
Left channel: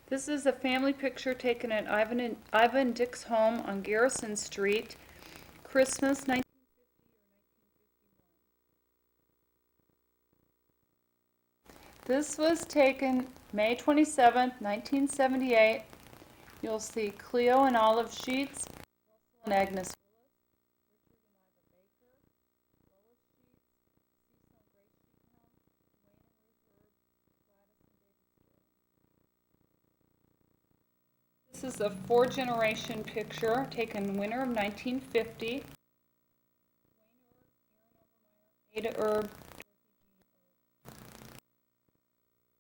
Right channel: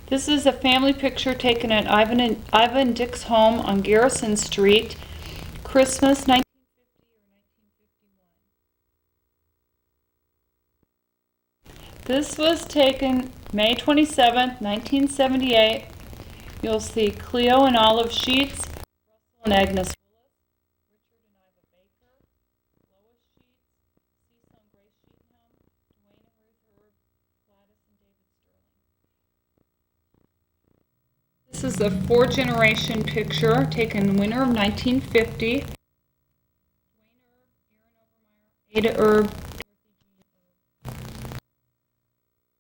This is a family picture taken at Iva and Dick's home on Garrison Street, Christmas 1950 or 1951. This was taken May 27, 1978. You'll see Cleo and Olive Sheets, Russell and Agnes Willis, Richard and Iva Baker, Lois Sheets, Cecil and Grace Sheetenhelm, Dwayne and Ruth Herb, Gladys and David Sterling. This is a 4-generation picture taken winter of 1950. Dwayne Erb, Aaron Overmeyer, Ada Erb.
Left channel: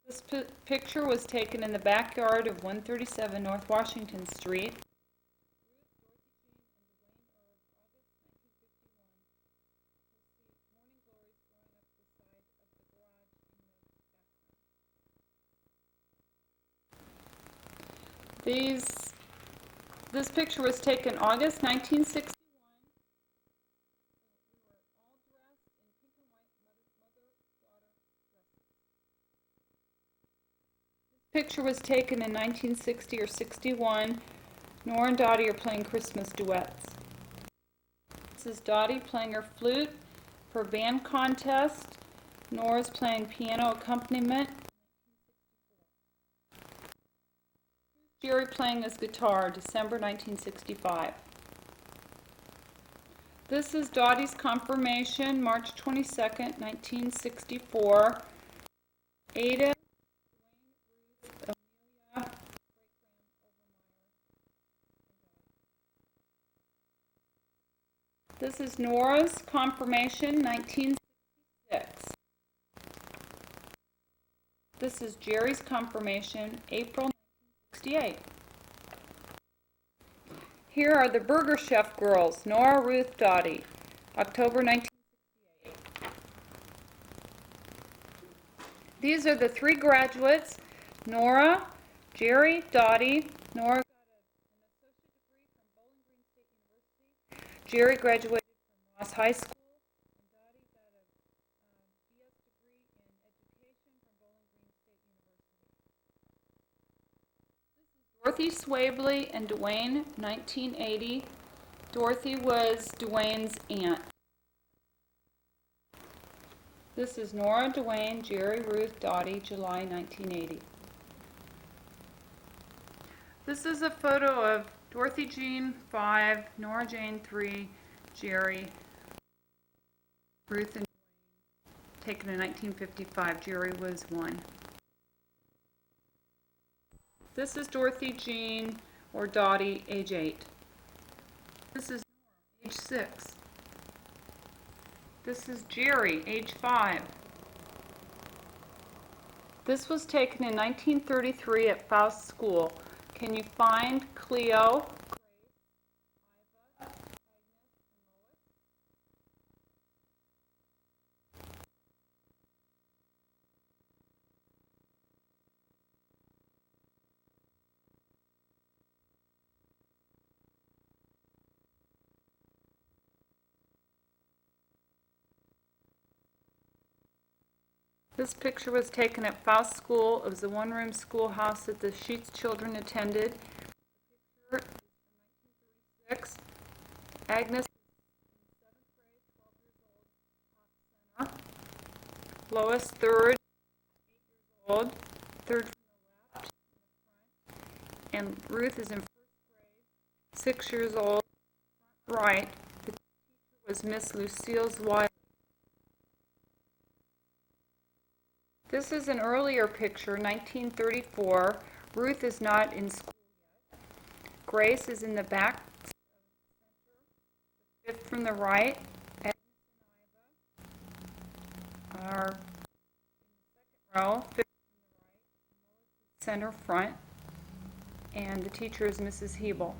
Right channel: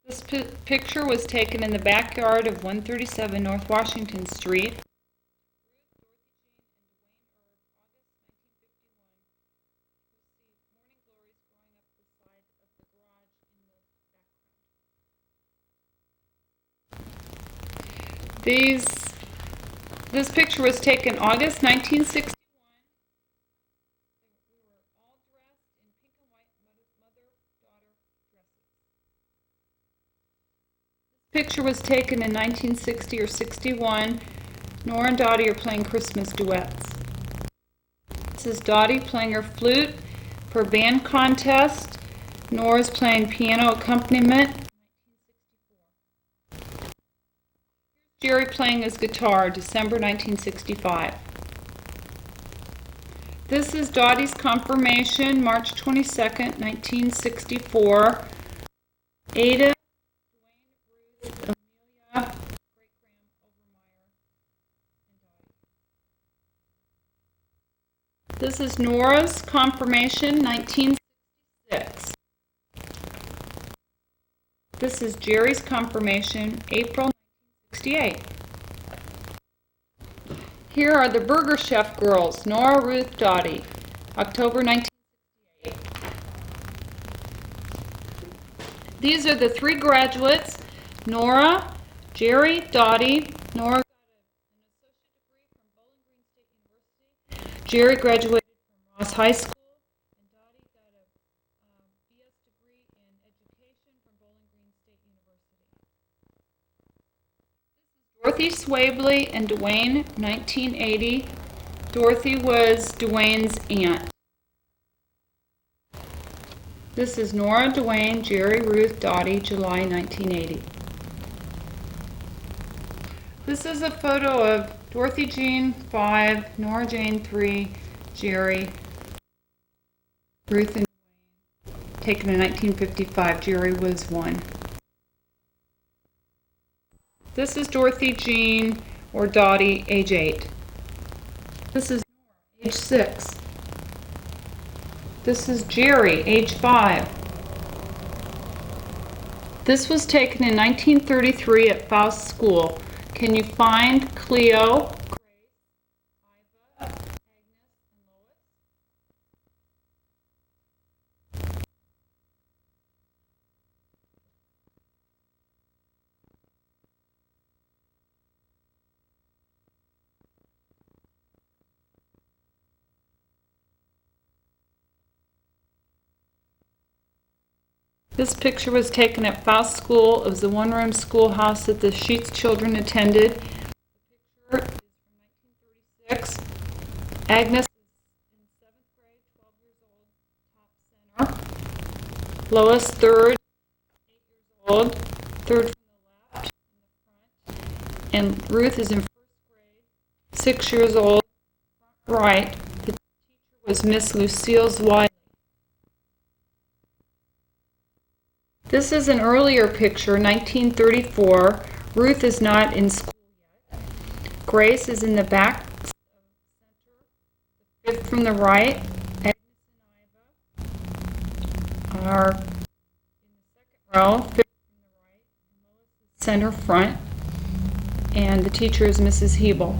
This picture was taken in the backyard of 137 North Washington Street. This picture was taken August 1961. We were all dressed in pink and white mother-daughter dresses. This picture was taken in 1960 or 61. Nora and Dottie are playing Christmas duets. This is Dottie playing her flute for a band contest. Nora's playing piano accompaniment. Jerry playing his guitar, December 1965. This is Dottie's confirmation, March 22nd, 1964. Ada, Ruth, Amelia, this is Nora's confirmation, 1966. This is Jerry's confirmation, April 1968. Here are the Burger Chef girls, Nora, Ruth, Dottie, October 1968. These are the three graduates, Nora, Jerry, Dottie. Nora got an associate degree from Bowling Green State University. Jerry graduated from Ross High School. And Dottie got a BS degree in education from Bowling Green State University. Dorothy Swabley and Dwayne, 1980. Dorothy was Dwayne's aunt. This is Nora, Dwayne, Jerry, Ruth, Dottie, July 1980. This is a photo of Dorothy Jean, 5, Nora Jane, 3, Jerry, Ruth, and Dwayne, taken in 1955. Jerry was 1. This is Dorothy Jean, or Dottie, age 8. This is Nora, age 6. This is Jerry, age 5. This was taken in 1933 at Faust School. Can you find Cleo, Grace, Iva, Agnes, and Lois? This picture was taken at Faust School. It was a one-room schoolhouse that the Sheets children attended. The picture is from 1936. Agnes is in 7th grade, 12 years old, top center. Lois, 3rd, 8 years old, 3rd from the left, in the front. And Ruth is in 1st grade, 6 years old, front right. The teacher was Miss Lucille Wiley. This is an earlier picture, 1934. Ruth is not in school yet. Grace is in the back center, the 5th from the right. Agnes and Iva are in the 2nd row, 5th from the right. Lois is center front. And the teacher is Mrs. Hebel.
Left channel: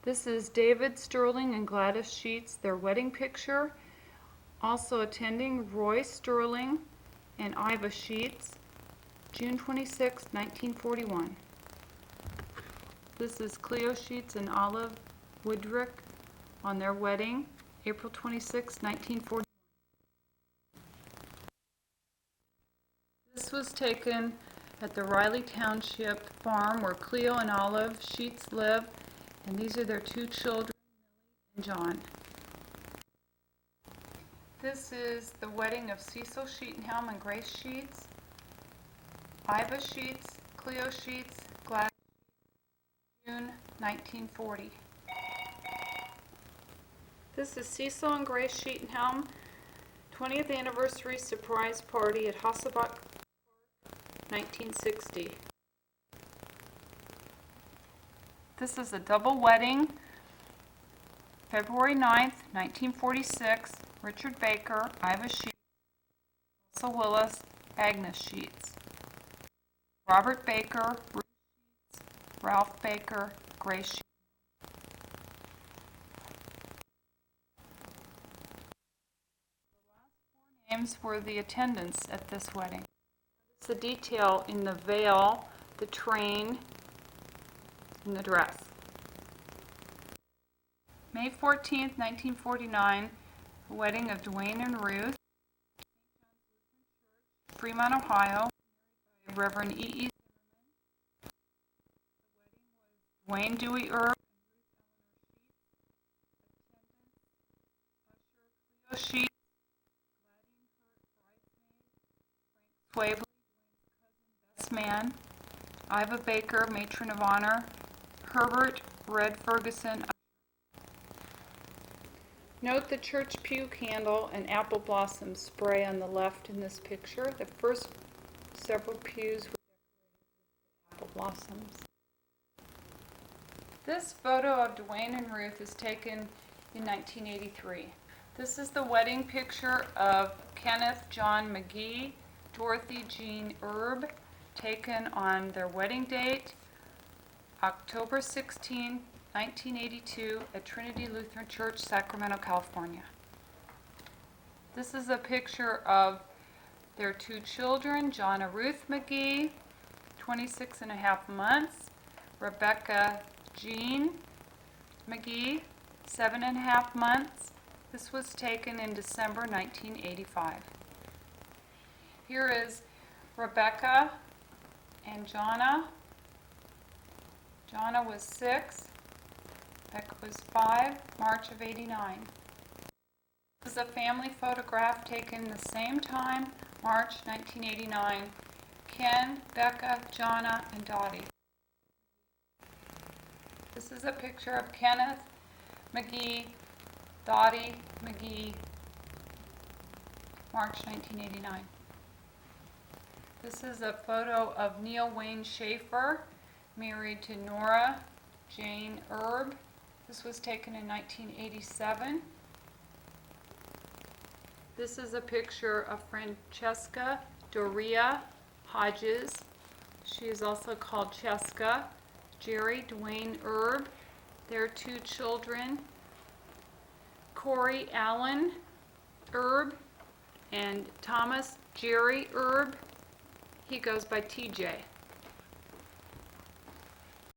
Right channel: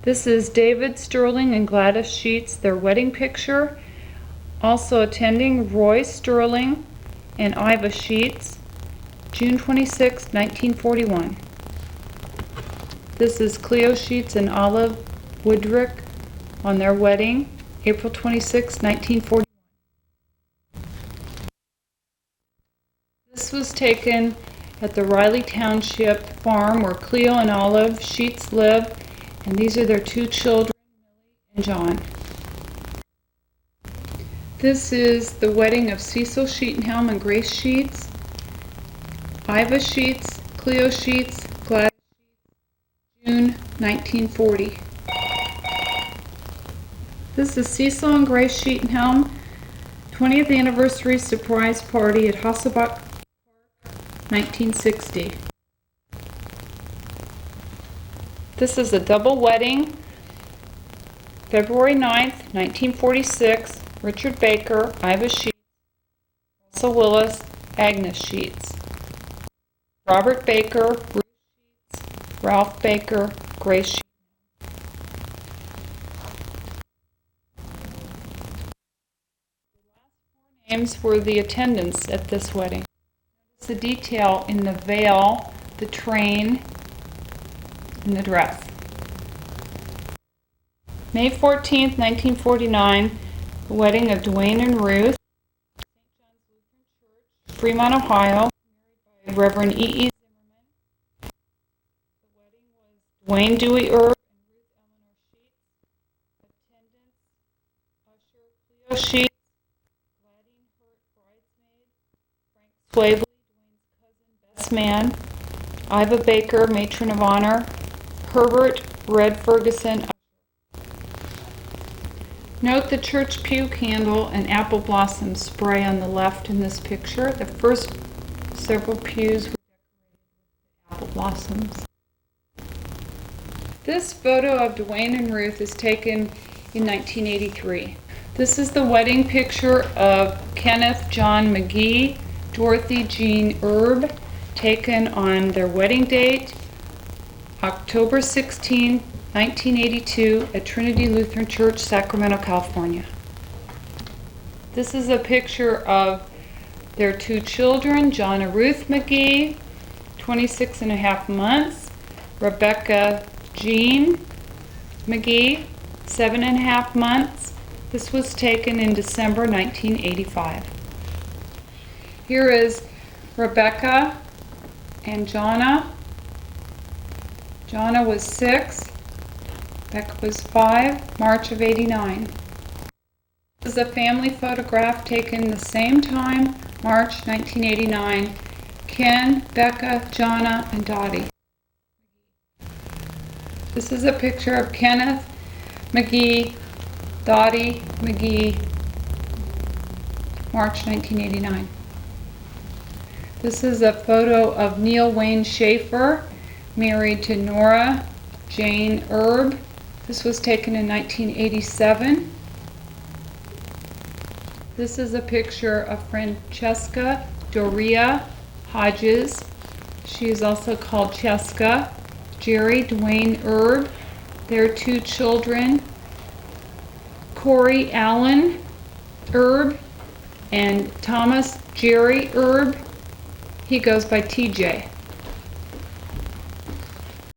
This is David Sterling and Gladys Sheets, their wedding picture. Also attending, Roy Sterling and Iva Sheets, June 26, 1941. This is Cleo Sheets and Olive Woodrick on their wedding, April 26, 1941. This was taken at the Riley Township farm where Cleo and Olive Sheets live, and these are their 2 children, Millie and John. This is the wedding of Cecil Sheetenhelm and Grace Sheets, Iva Sheets, Cleo Sheets, Gladys Sheets, June 1940. This is Cecil and Grace Sheetenhelm, 20th anniversary surprise party at Hasselbach Park, 1960. This is a double wedding, February 9th, 1946. Richard Baker, Iva Sheets, Russell Willis, Agnes Sheets. Robert Baker, Ruth Sheets, Ralph Baker, Grace Sheets. The last 4 names were the attendants at this wedding. Notice the detail in the veil, the train, and the dress. May 14th, 1949. The wedding of Dwayne and Ruth, St. John's Lutheran Church, Fremont, Ohio, married by Reverend E. E. Zimmerman. The wedding was Dwayne Dewey Erb and Ruth Eleanor Sheets. Attendants, usher Cleo Sheets, Gladine Hurt, bridesmaid, Frank Swavely, Dwayne's cousin, best man, Iva Baker, Matron of Honor, Herbert Red Ferguson. Note the church pew candle and apple blossom spray on the left in this picture. The first several pews were decorated with apple blossoms. This photo of Dwayne and Ruth is taken in 1983. This is the wedding picture of Kenneth John McGee, Dorothy Jean Erb, taken on their wedding date, October 16, 1982, at Trinity Lutheran Church, Sacramento, California. This is a picture of their two children, John and Ruth McGee, 26 and a half months, Rebecca Jean McGee, 7.5 months. This was taken in December 1985. Here is Rebecca and Jonna. Jonna was 6, Becca was 5, March of '89. This is a family photograph taken the same time, March 1989. Ken, Becca, Jonna, and Dottie. This is a picture of Kenneth McGee, Dottie McGee, March 1989. This is a photo of Neil Wayne Schaefer, married to Nora Jane Erb. This was taken in 1987. This is a picture of Francesca Doria Hodges. She is also called Cheska. Jerry Dwayne Erb, their two children, Corey Allen Erb and Thomas Jerry Erb. He goes by TJ.